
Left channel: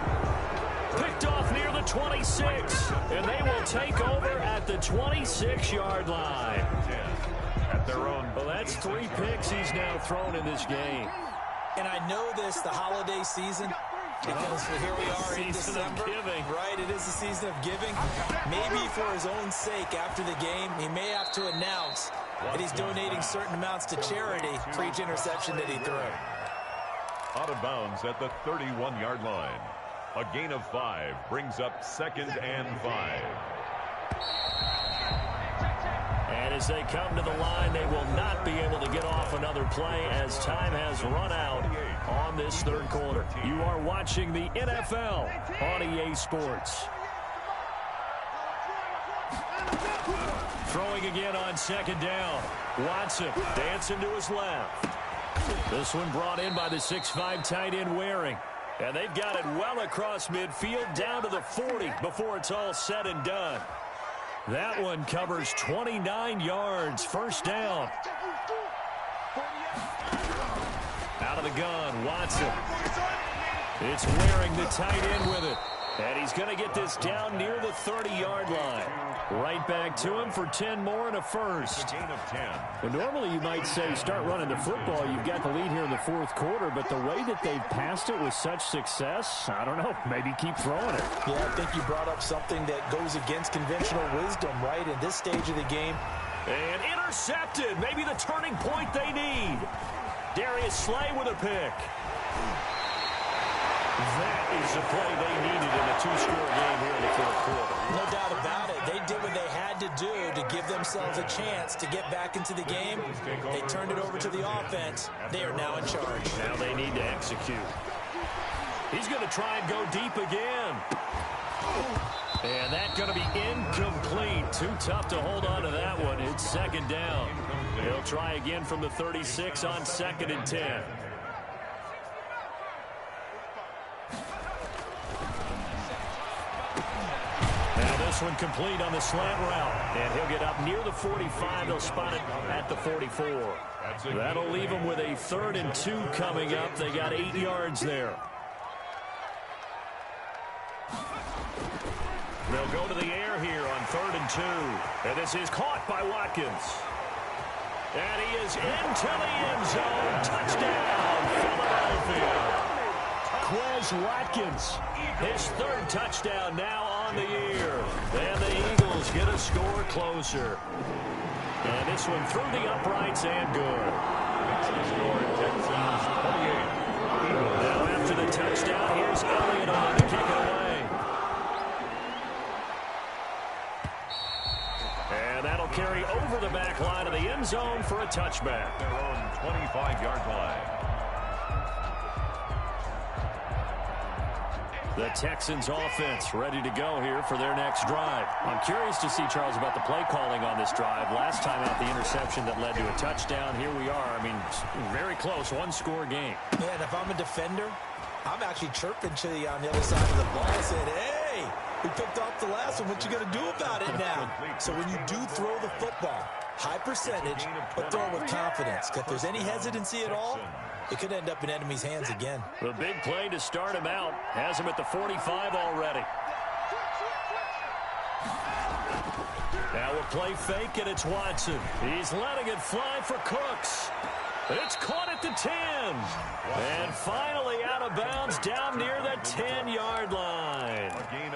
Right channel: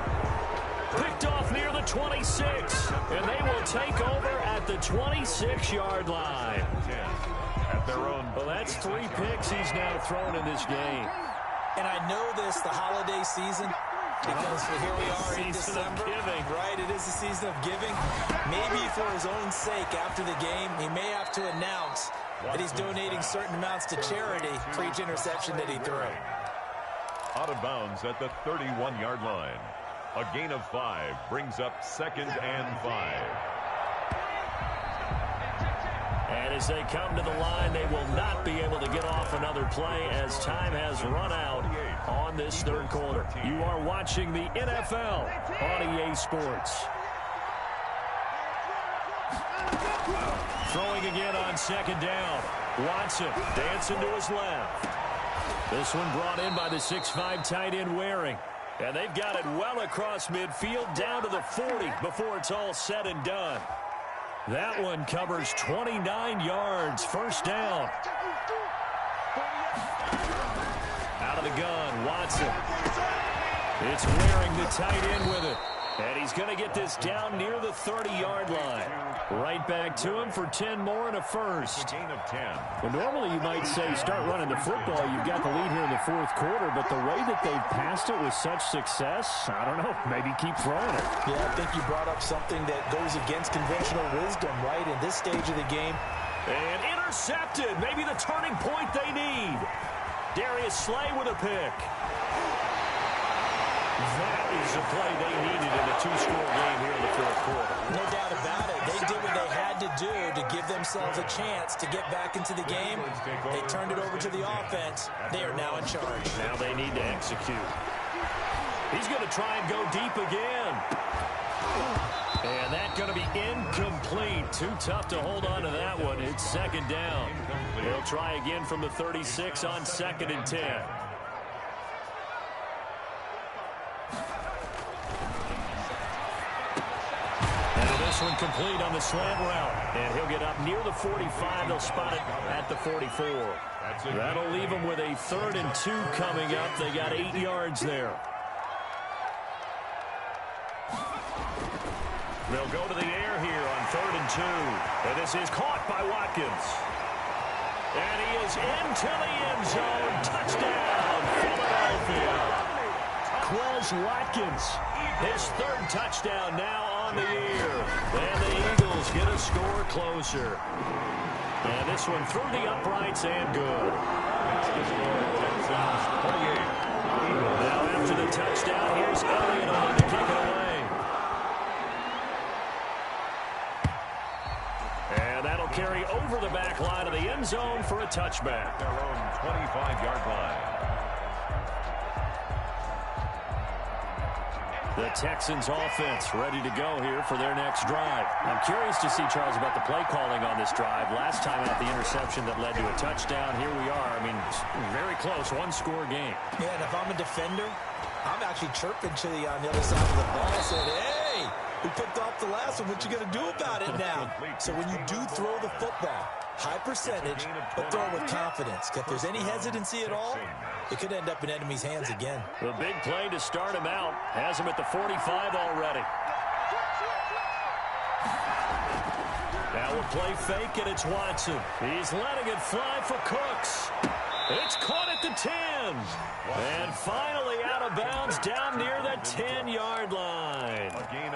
Picked off near the 26, and they will take over at the 26-yard line. At their own. Well, that's 3 picks he's now thrown in this game. And I know this, the holiday season, because here we are in December. Right, it is the season of giving. Maybe for his own sake after the game, he may have to announce that he's donating certain amounts to charity for each interception that he threw. Out of bounds at the 31-yard line. A gain of 5 brings up 2nd and 5. And as they come to the line, they will not be able to get off another play as time has run out on this 3rd quarter. You are watching the NFL on EA Sports. Throwing again on 2nd down. Watson dancing to his left. This one brought in by the 6'5" tight end Waring. And they've got it well across midfield down to the 40 before it's all said and done. That one covers 29 yards. First down. Out of the gun, Watson. It's wearing the tight end with it. And he's going to get this down near the 30-yard line. Right back to him for 10 more and a first. Gain of 10. Well, normally you might say start running the football. You've got the lead here in the fourth quarter, but the way that they've passed it with such success, I don't know, maybe keep throwing it. Yeah, I think you brought up something that goes against conventional wisdom, right, in this stage of the game. And intercepted, maybe the turning point they need. Darius Slay with a pick. That is the play they needed in a two-score game here in the fourth quarter. No doubt about it. They did what they had to do to give themselves a chance to get back into the game. They turned it over to the offense. They are now in charge. Now they need to execute. He's going to try and go deep again. And that's going to be incomplete. Too tough to hold on to that one. It's second down. He'll try again from the 36 on 2nd and 10. Now this one complete on the slant route. And he'll get up near the 45. They'll spot it at the 44. That'll leave them with a 3rd and 2 coming up. They got 8 yards there. They'll go to the air here on 3rd and 2. And this is caught by Watkins. And he is into the end zone. Touchdown, Philadelphia. Quez Watkins, his 3rd touchdown now on the year. And the Eagles get a score closer. And this one through the uprights and good. That's the score, Texans 28. Eagles. Now after the touchdown, here's Elliott on to kick it away. And that'll carry over the back line of the end zone for a touchback. Their own 25-yard line. The Texans offense ready to go here for their next drive. I'm curious to see, Charles, about the play calling on this drive. Last time out, the interception that led to a touchdown. Here we are. I mean, very close, one-score game. Yeah, and if I'm a defender, I'm actually chirping to you on the other side of the ball, saying, hey, we picked off the last one. What you going to do about it now? So when you do throw the football, high percentage, but throw it with confidence. If there's any hesitancy at all, it could end up in enemy's hands again. The big play to start him out has him at the 45 already. Now a play fake, and it's Watson. He's letting it fly for Cooks. It's caught at the 10. And finally out of bounds down near the 10-yard line.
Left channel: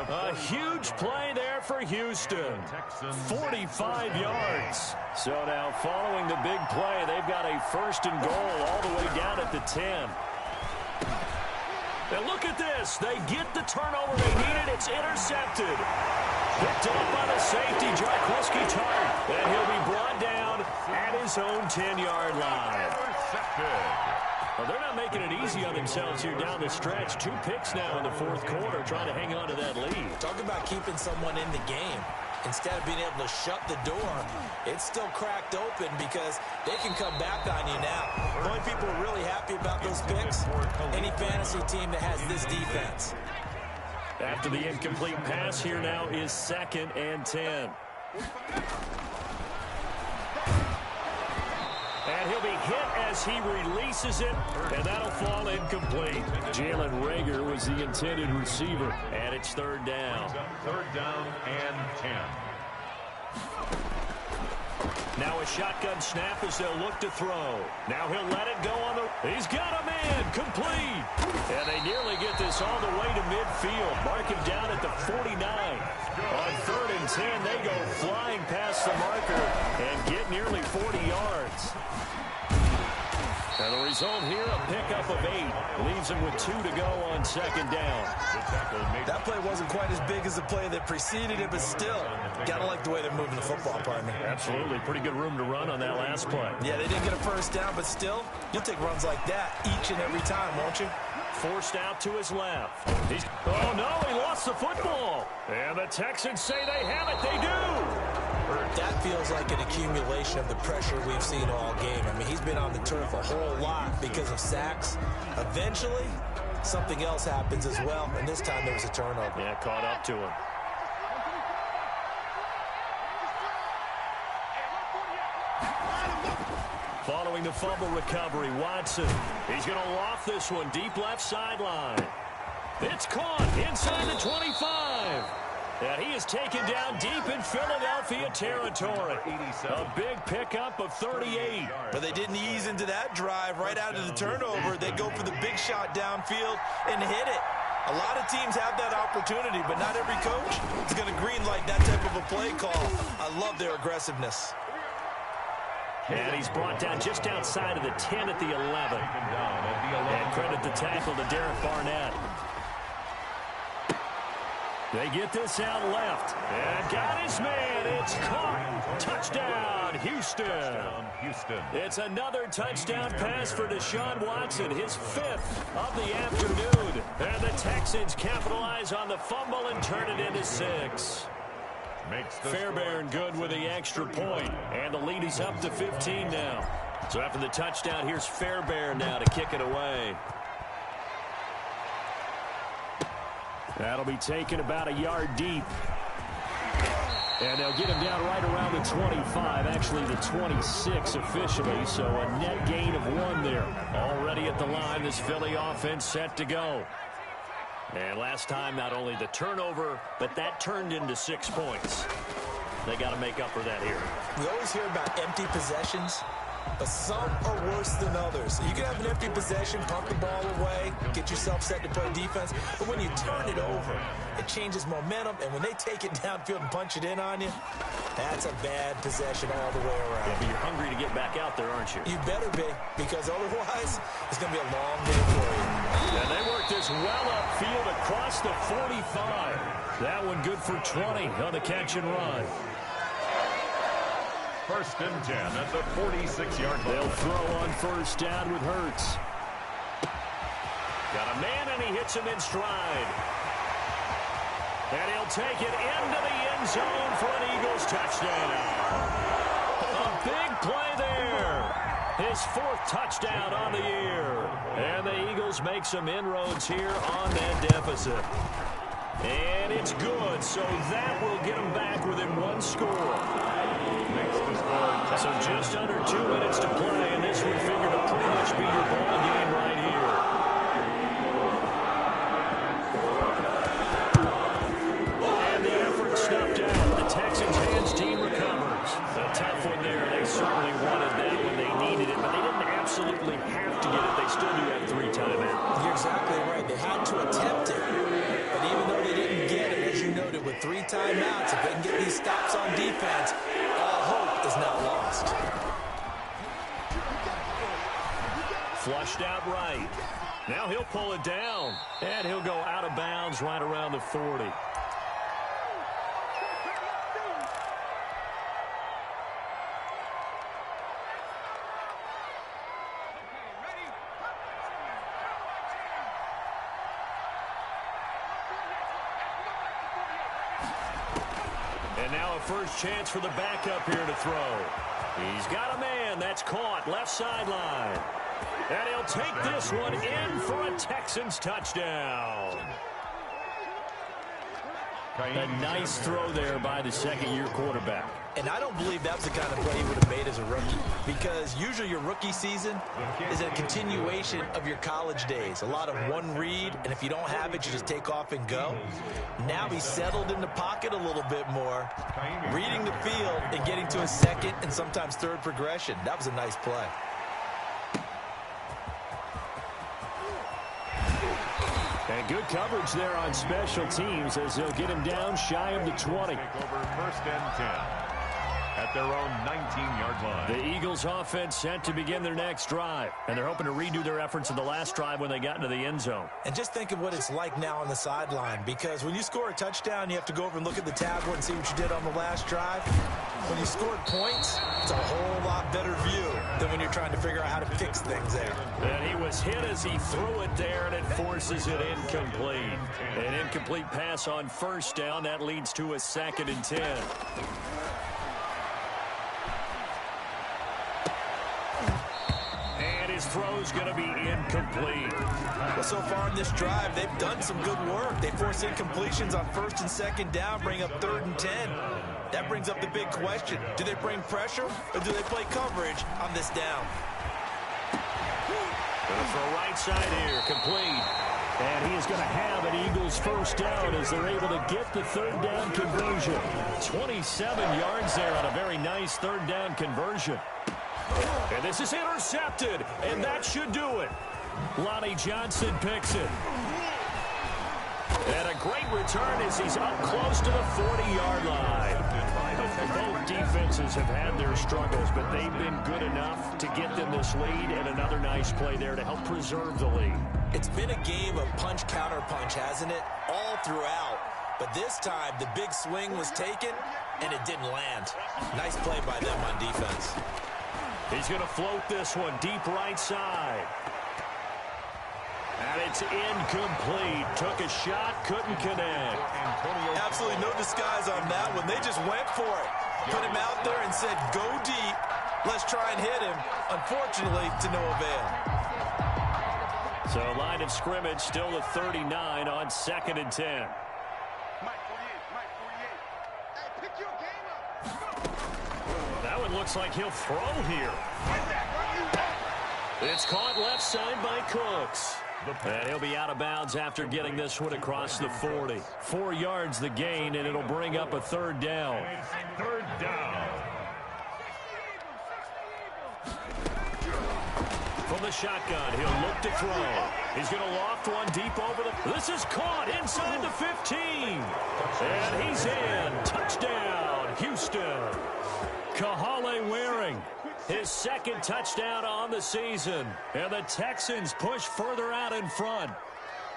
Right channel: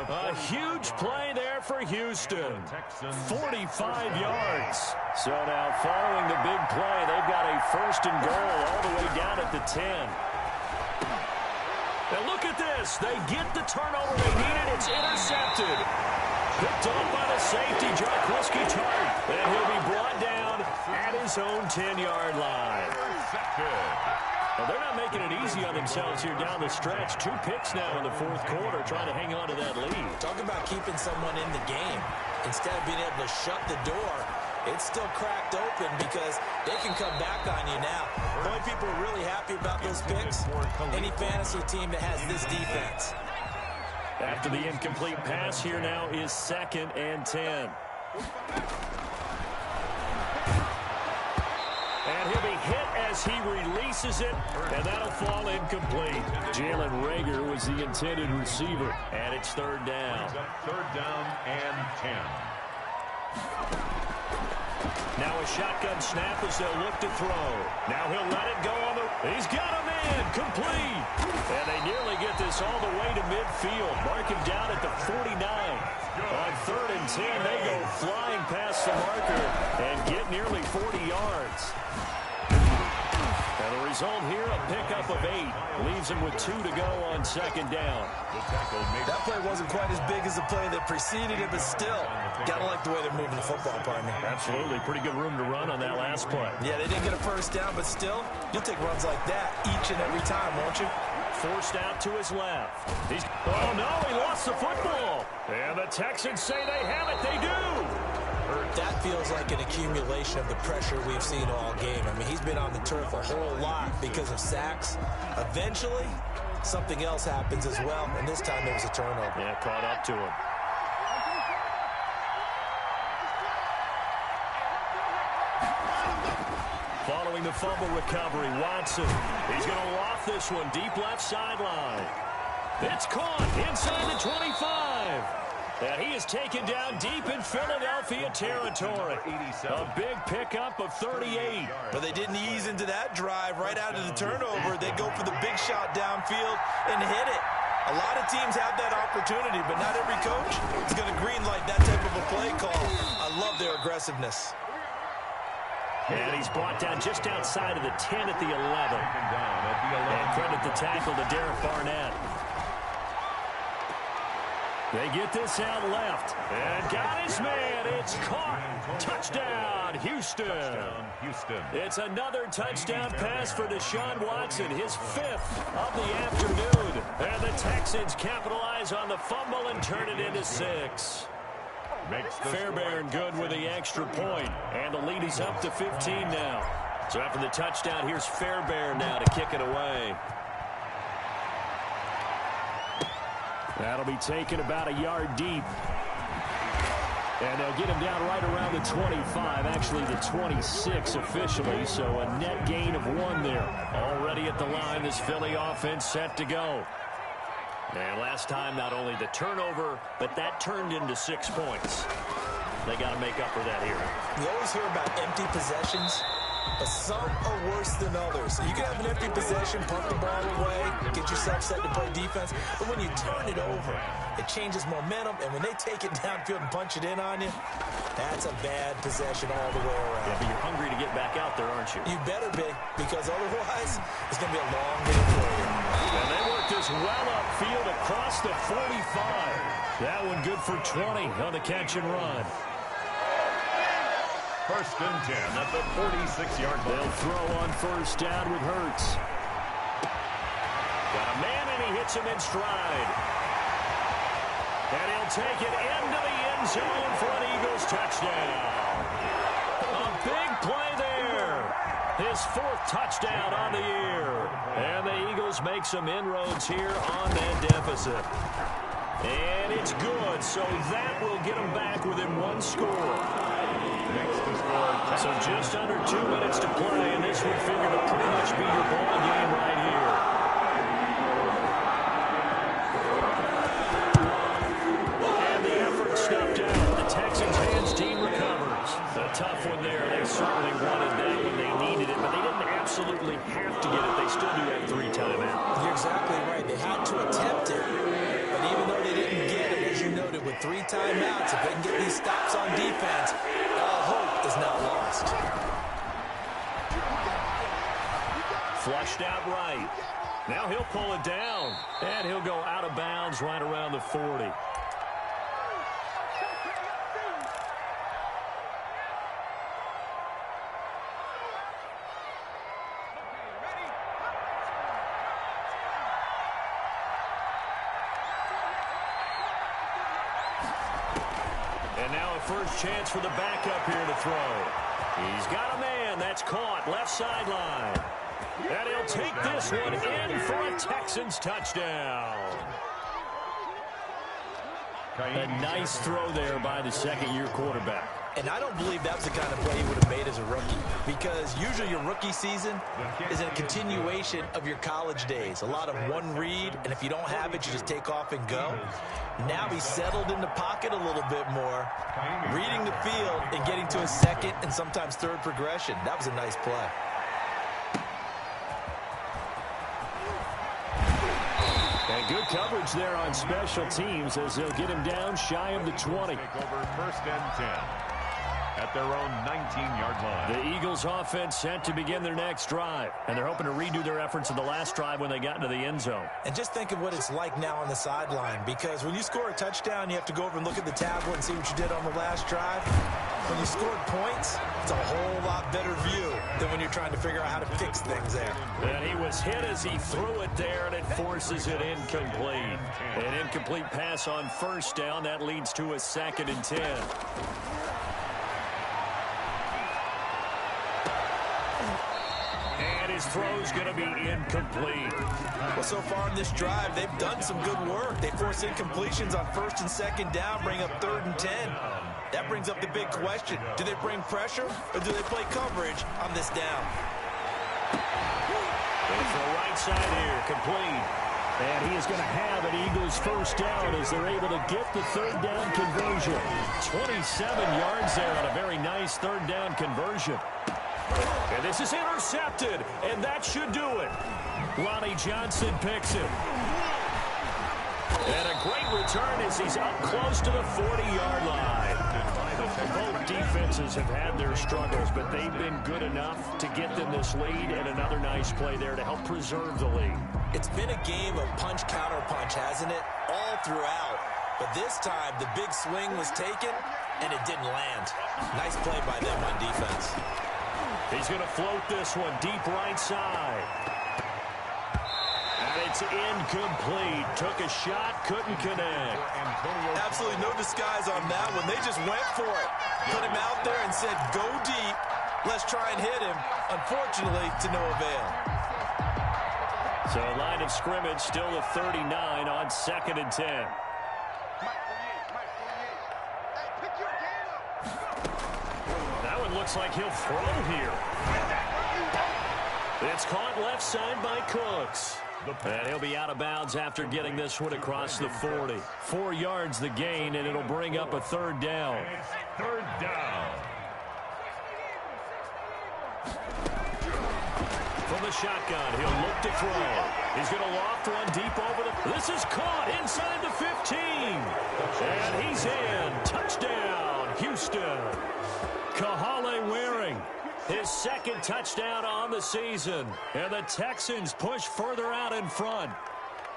A huge play there for Houston. 45 yards. So now following the big play, they've got a 1st and goal all the way down at the 10. Now look at this. They get the turnover they needed. It's intercepted. Picked off by the safety, Jarquiski Tart. And he'll be brought down at his own 10-yard line. Well, they're not making it easy on themselves here down the stretch. 2 picks now in the fourth quarter, trying to hang on to that lead. Talk about keeping someone in the game. Instead of being able to shut the door, it's still cracked open because they can come back on you now. The only people who are really happy about those picks, any fantasy team that has this defense. After the incomplete pass, here now is 2nd and 10. And he'll be hit as he releases it, and that'll fall incomplete. Jalen Reagor was the intended receiver, and it's 3rd down. 3rd down and 10. Now a shotgun snap as they'll look to throw. Now he'll let it go on the... He's got a man, complete. And they nearly get this all the way to midfield. Mark him down at the 49. On 3rd and 10, they go flying past the marker and get nearly 40 yards. And the result here, a pickup of 8. Leaves him with 2 to go on 2nd down. That play wasn't quite as big as the play that preceded it, but still, gotta like the way they're moving the football, partner. Absolutely. Pretty good room to run on that last play. Yeah, they didn't get a 1st down, but still, you'll take runs like that each and every time, won't you? Forced out to his left. Oh, no, he lost the football. And the Texans say they have it. They do. That feels like an accumulation of the pressure we've seen all game. I mean, he's been on the turf a whole lot because of sacks. Eventually, something else happens as well, and this time there was a turnover. Yeah, caught up to him. Following the fumble recovery, Watson. He's going to loft this one deep left sideline. It's caught inside the 25. And he is taken down deep in Philadelphia territory. A big pickup of 38. But they didn't ease into that drive right out of the turnover. They go for the big shot downfield and hit it. A lot of teams have that opportunity, but not every coach is going to greenlight that type of a play call. I love their aggressiveness. And he's brought down just outside of the 10 at the 11. And credit the tackle to Derek Barnett. They get this out left. And got his man. It's caught. Touchdown, Houston. It's another touchdown pass for Deshaun Watson, his 5th of the afternoon. And the Texans capitalize on the fumble and turn it into 6. Fairbairn good with the extra point, and the lead is up to 15 now. So after the touchdown, here's Fairbairn now to kick it away. That'll be taken about a yard deep. And they'll get him down right around the 25, actually the 26 officially, so a net gain of 1 there. Already at the line, this Philly offense set to go. And last time, not only the turnover, but that turned into 6 points. They got to make up for that here. We always hear about empty possessions, but some are worse than others. So you can have an empty possession, pump the ball away, get yourself set to play defense, but when you turn it over, it changes momentum, and when they take it downfield and punch it in on you, that's a bad possession all the way around. Yeah, but you're hungry to get back out there, aren't you? You better be, because otherwise, it's going to be a long day for you. And they work this well upfield across the 45. That one good for 20 on the catch and run. 1st and 10 at the 46-yard line. They'll throw on 1st down with Hurts. Got a man, and he hits him in stride. And he'll take it into the end zone for an Eagles touchdown. A big play there. His 4th touchdown on the year. And the Eagles make some inroads here on that deficit. And it's good, so that will get them back within 1 score. So just under 2 minutes to play, and this would figure to pretty much be your ball game right here. And the effort snuffed out. The Texans hands team recovers. A tough one there. They certainly wanted that when they needed it, but they didn't absolutely have to get it. They still do have 3 timeouts. You're exactly right. They had to attempt it. But even though they didn't get it, as you noted, with 3 timeouts, if they can get these stops on defense, all hope is not lost. Flushed out right. Now he'll pull it down. And he'll go out of bounds right around the 40. And now a first chance for the backup here to throw. He's got a man. That's caught. Left sideline. And he'll take this one in for a Texans touchdown. A nice throw there by the second-year quarterback. And I don't believe that was the kind of play he would have made as a rookie, because usually your rookie season is a continuation of your college days. A lot of one read, and if you don't have it, you just take off and go. Now he's settled in the pocket a little bit more, reading the field and getting to a second and sometimes third progression. That was a nice play. And good coverage there on special teams as they'll get him down shy of the 20. Take over 1st and 10 at their own 19-yard line. The Eagles offense set to begin their next drive, and they're hoping to redo their efforts in the last drive when they got into the end zone. And just think of what it's like now on the sideline, because when you score a touchdown, you have to go over and look at the tablet and see what you did on the last drive. When you scored points, it's a whole lot better view than when you're trying to figure out how to fix things there. And he was hit as he threw it there, and it forces it incomplete. An incomplete pass on 1st down. That leads to a 2nd and 10. his throw's going to be incomplete. Well, so far in this drive, they've done some good work. They force incompletions on 1st and 2nd down, bring up 3rd and 10. That brings up the big question. Do they bring pressure or do they play coverage on this down? Going to throw right side here, complete. And he is going to have an Eagles first down as they're able to get the 3rd down conversion. 27 yards there on a very nice 3rd down conversion. And this is intercepted, and that should do it. Lonnie Johnson picks it. And a great return as he's up close to the 40-yard line. Both defenses have had their struggles, but they've been good enough to get them this lead, and another nice play there to help preserve the lead. It's been a game of punch-counter-punch, hasn't it? All throughout. But this time, the big swing was taken, and it didn't land. Nice play by them on defense. He's going to float this one deep right side. And it's incomplete. Took a shot, couldn't connect. Absolutely no disguise on that one. They just went for it. Put him out there and said, go deep. Let's try and hit him. Unfortunately, to no avail. So line of scrimmage still the 39 on 2nd and 10. That one looks like he'll throw here. It's caught left side by Cooks. And he'll be out of bounds after getting this one across the 40. 4 yards the gain, and it'll bring up a 3rd down. And it's 3rd down. From the shotgun, he'll look to throw. He's going to loft one deep over the... This is caught inside the 15. And he's in. Touchdown, Houston. Kahale Waring, his 2nd touchdown on the season. And the Texans push further out in front.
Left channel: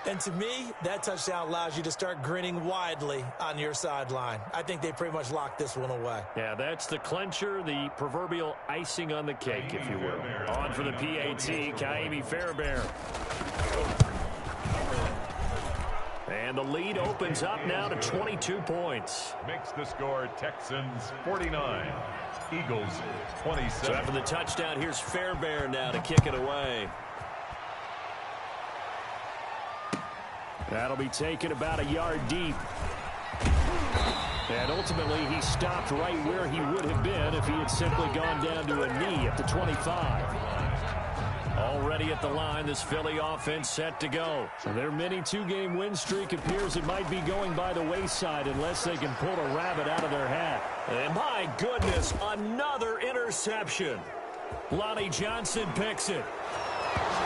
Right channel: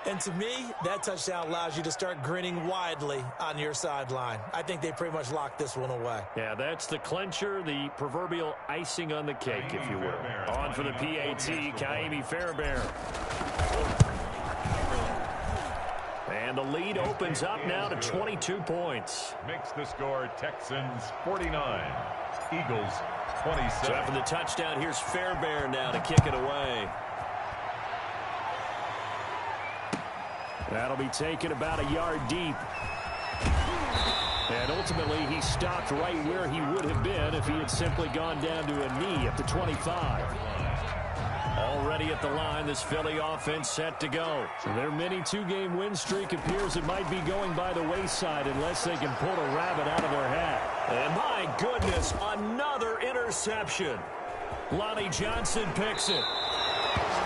And to me, that touchdown allows you to start grinning widely on your sideline. I think they pretty much locked this one away. Yeah, that's the clincher, the proverbial icing on the cake, if you will. On for the PAT, Kaimi Fairbairn. And the lead opens up now to 22 points. Makes the score Texans 49, Eagles 27. So after the touchdown, here's Fairbairn now to kick it away. That'll be taken about a yard deep. And ultimately, he stopped right where he would have been if he had simply gone down to a knee at the 25. Already at the line, this Philly offense set to go. Their mini 2-game win streak appears it might be going by the wayside unless they can pull a rabbit out of their hat. And my goodness, another interception. Lonnie Johnson picks it.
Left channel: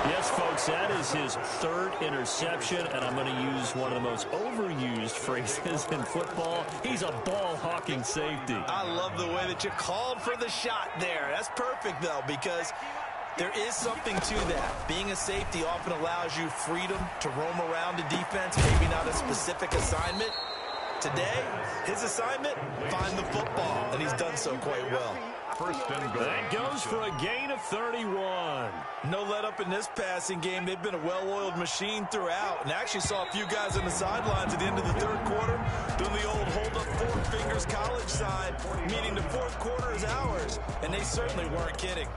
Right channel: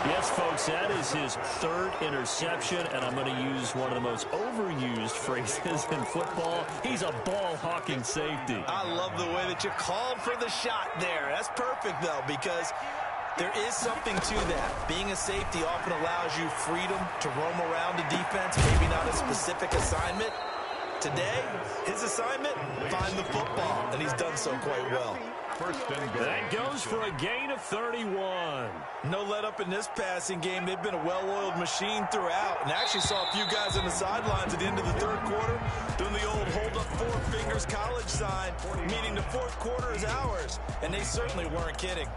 Yes, folks, that is his 3rd interception, and I'm going to use one of the most overused phrases in football. He's a ball-hawking safety. I love the way that you called for the shot there. That's perfect, though, because there is something to that. Being a safety often allows you freedom to roam around the defense, maybe not a specific assignment. Today, his assignment, find the football, and he's done so quite well. First and goal. That goes for a gain of 31. No let up in this passing game. They've been a well-oiled machine throughout. And actually saw a few guys on the sidelines at the end of the 3rd quarter doing the old hold up 4 fingers college sign, meaning the 4th quarter is ours. And they certainly weren't kidding.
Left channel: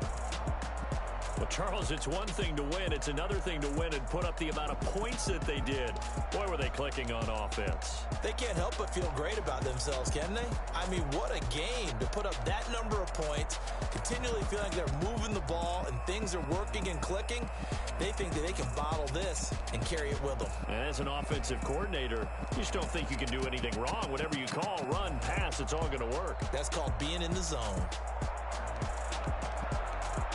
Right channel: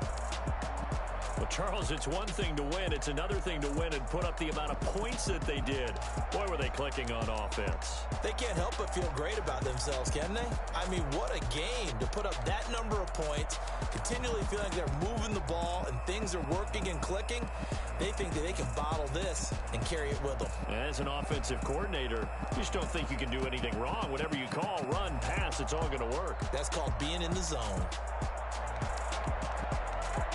Well, Charles, it's one thing to win. It's another thing to win and put up the amount of points that they did. Boy, were they clicking on offense. They can't help but feel great about themselves, can they? I mean, what a game to put up that number of points, continually feeling like they're moving the ball and things are working and clicking. They think that they can bottle this and carry it with them. As an offensive coordinator, you just don't think you can do anything wrong. Whatever you call, run, pass, it's all going to work. That's called being in the zone.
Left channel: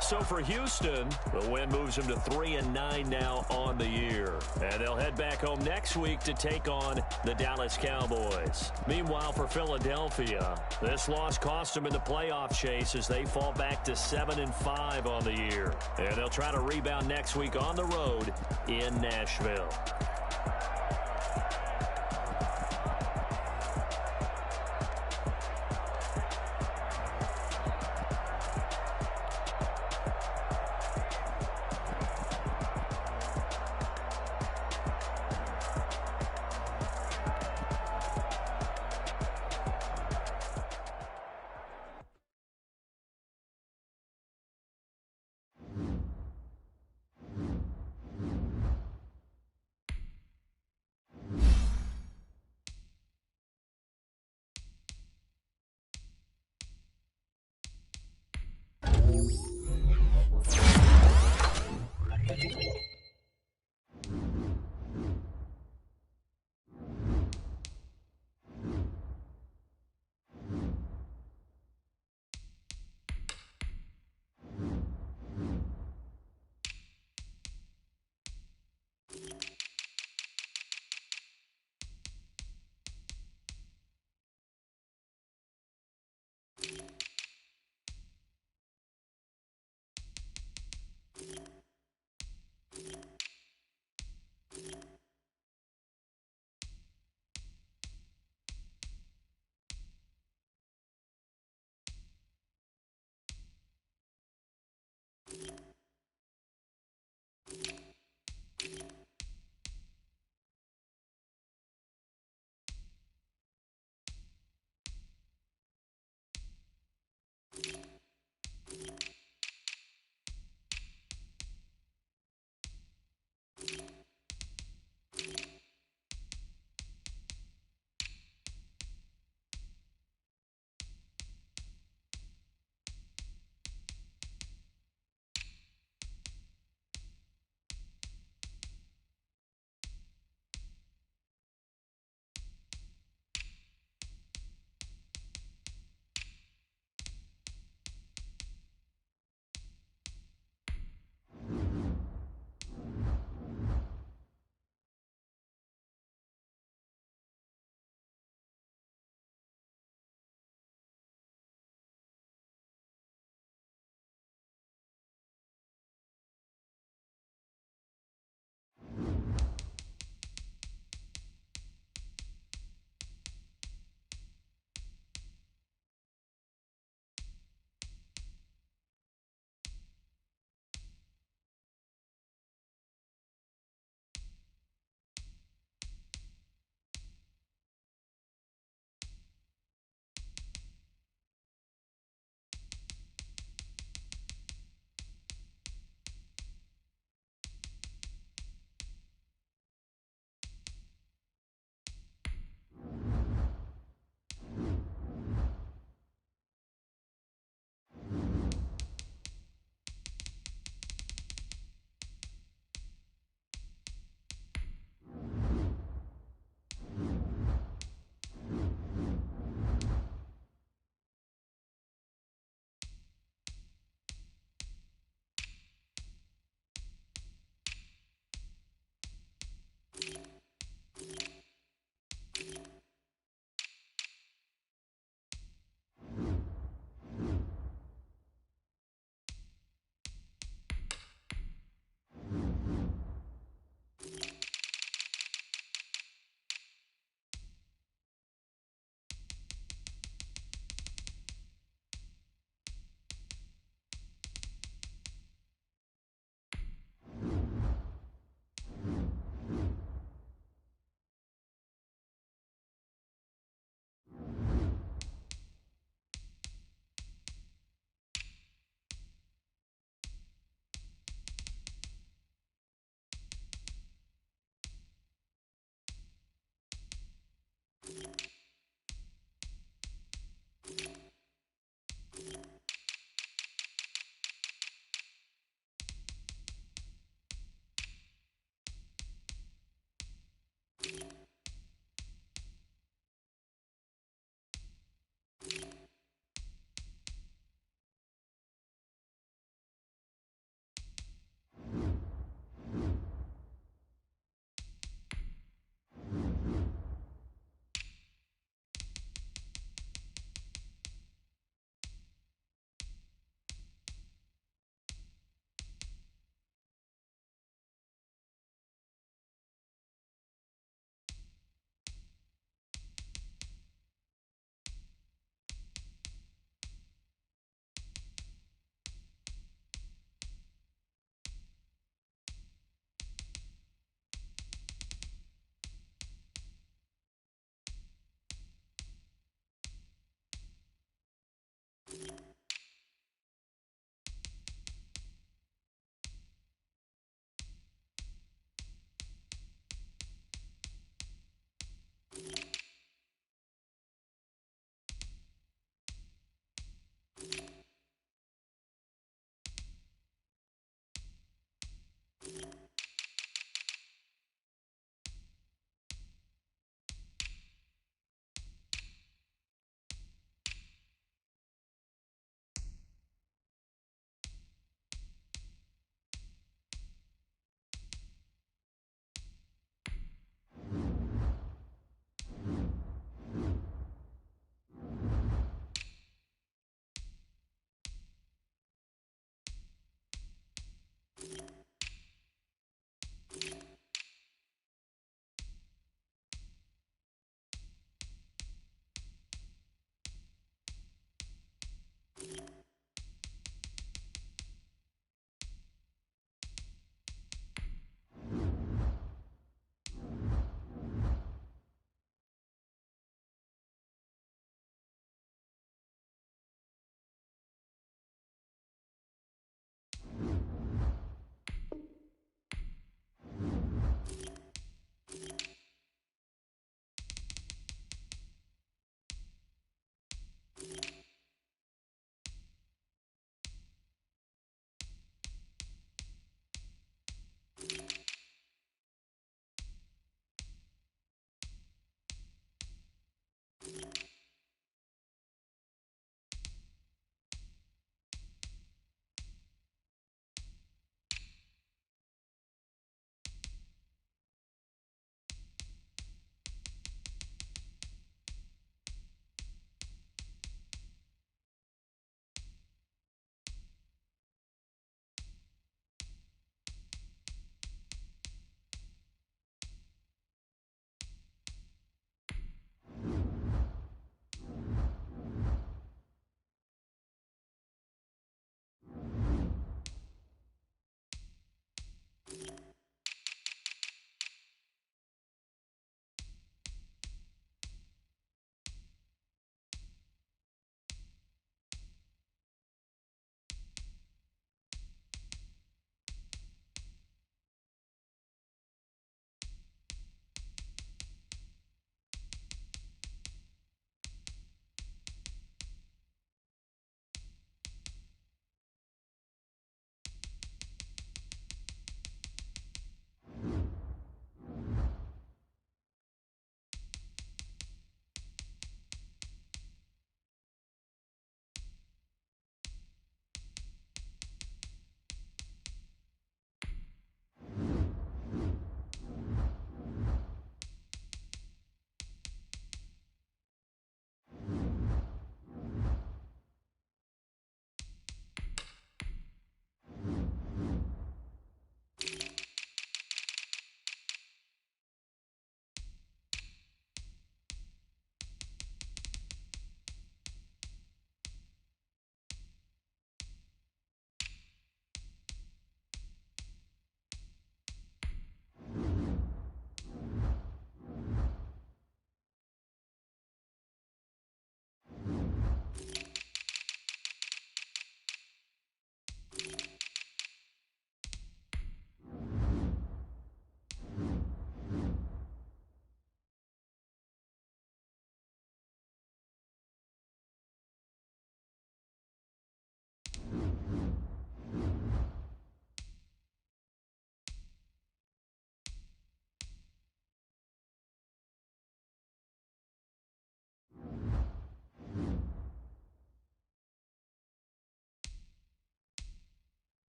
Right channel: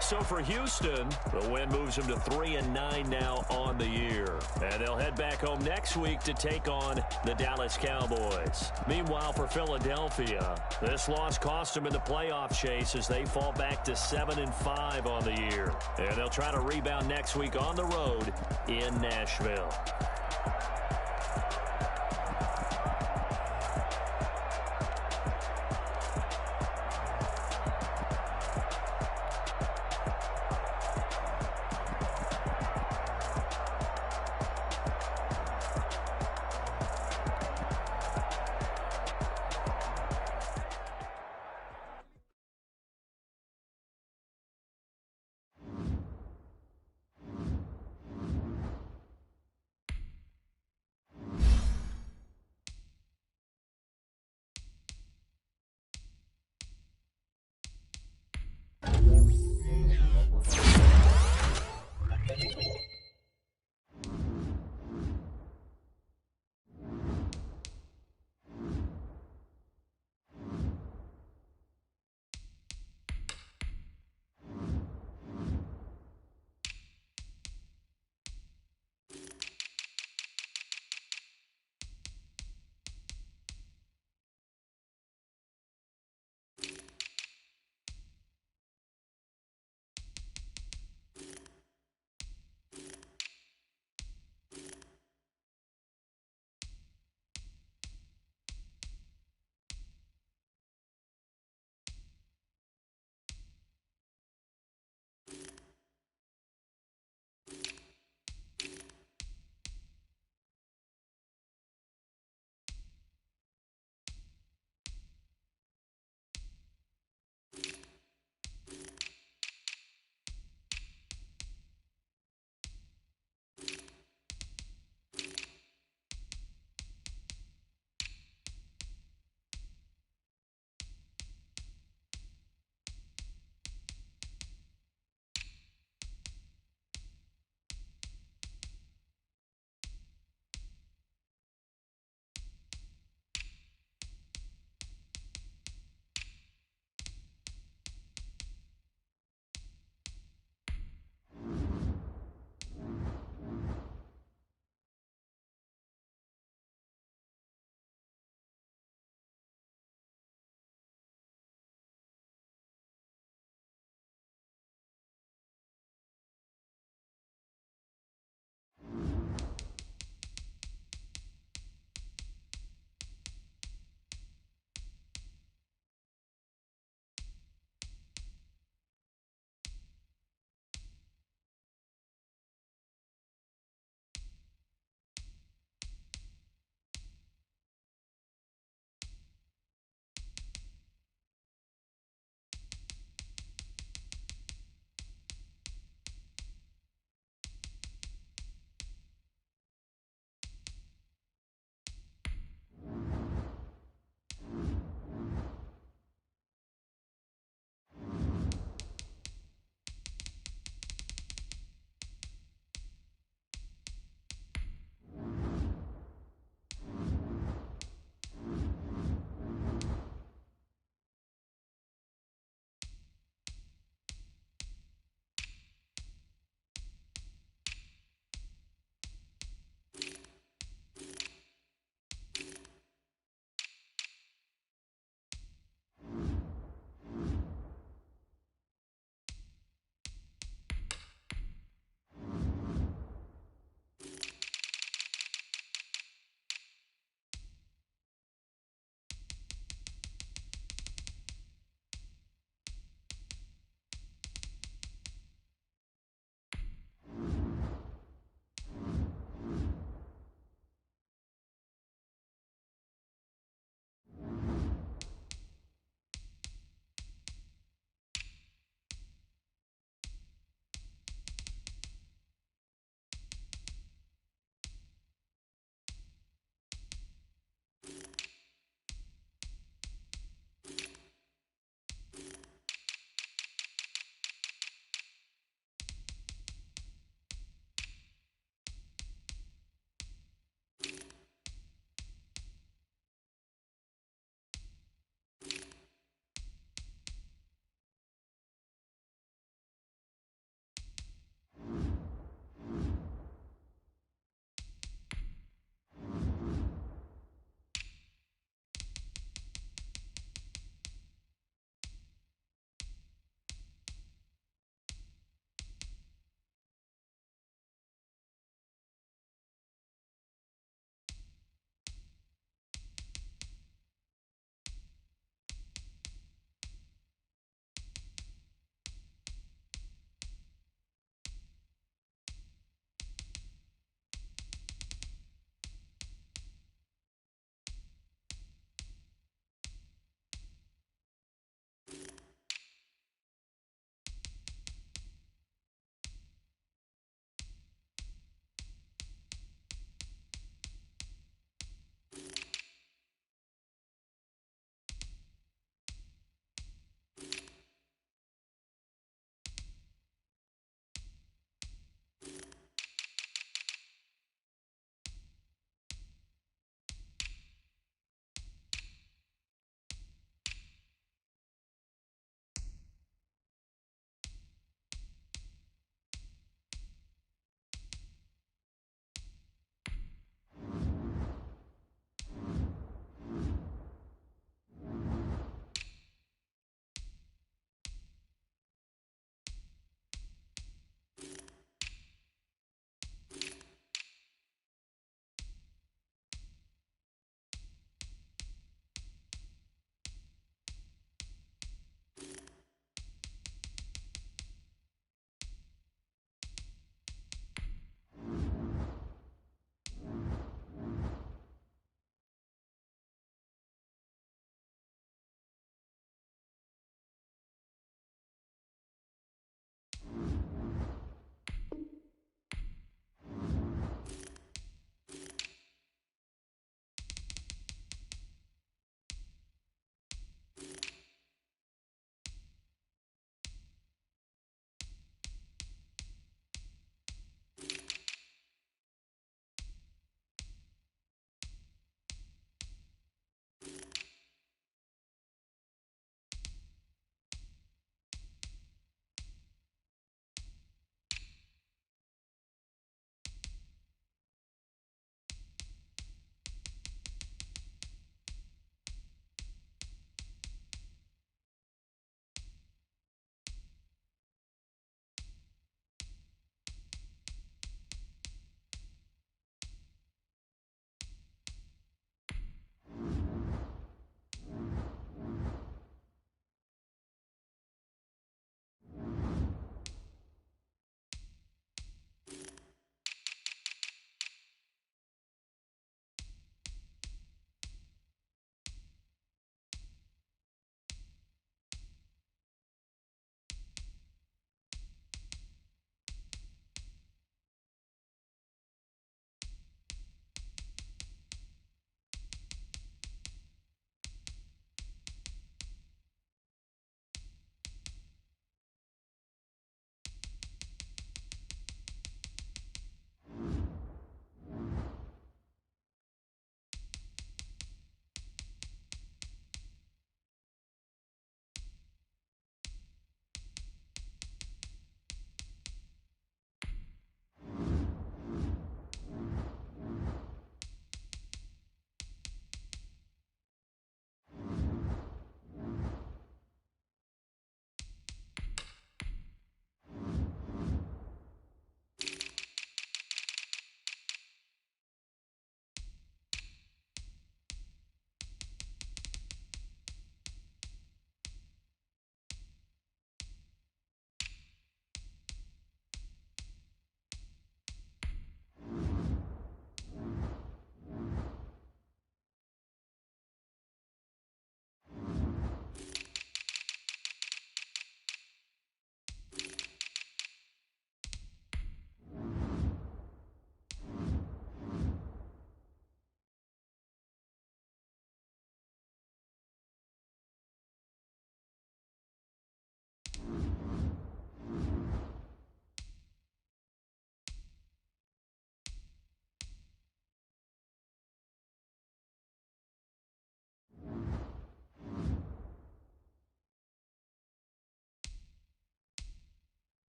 So for Houston, the win moves them to 3-9 now on the year. And they'll head back home next week to take on the Dallas Cowboys. Meanwhile, for Philadelphia, this loss cost them in the playoff chase as they fall back to 7-5 on the year. And they'll try to rebound next week on the road in Nashville.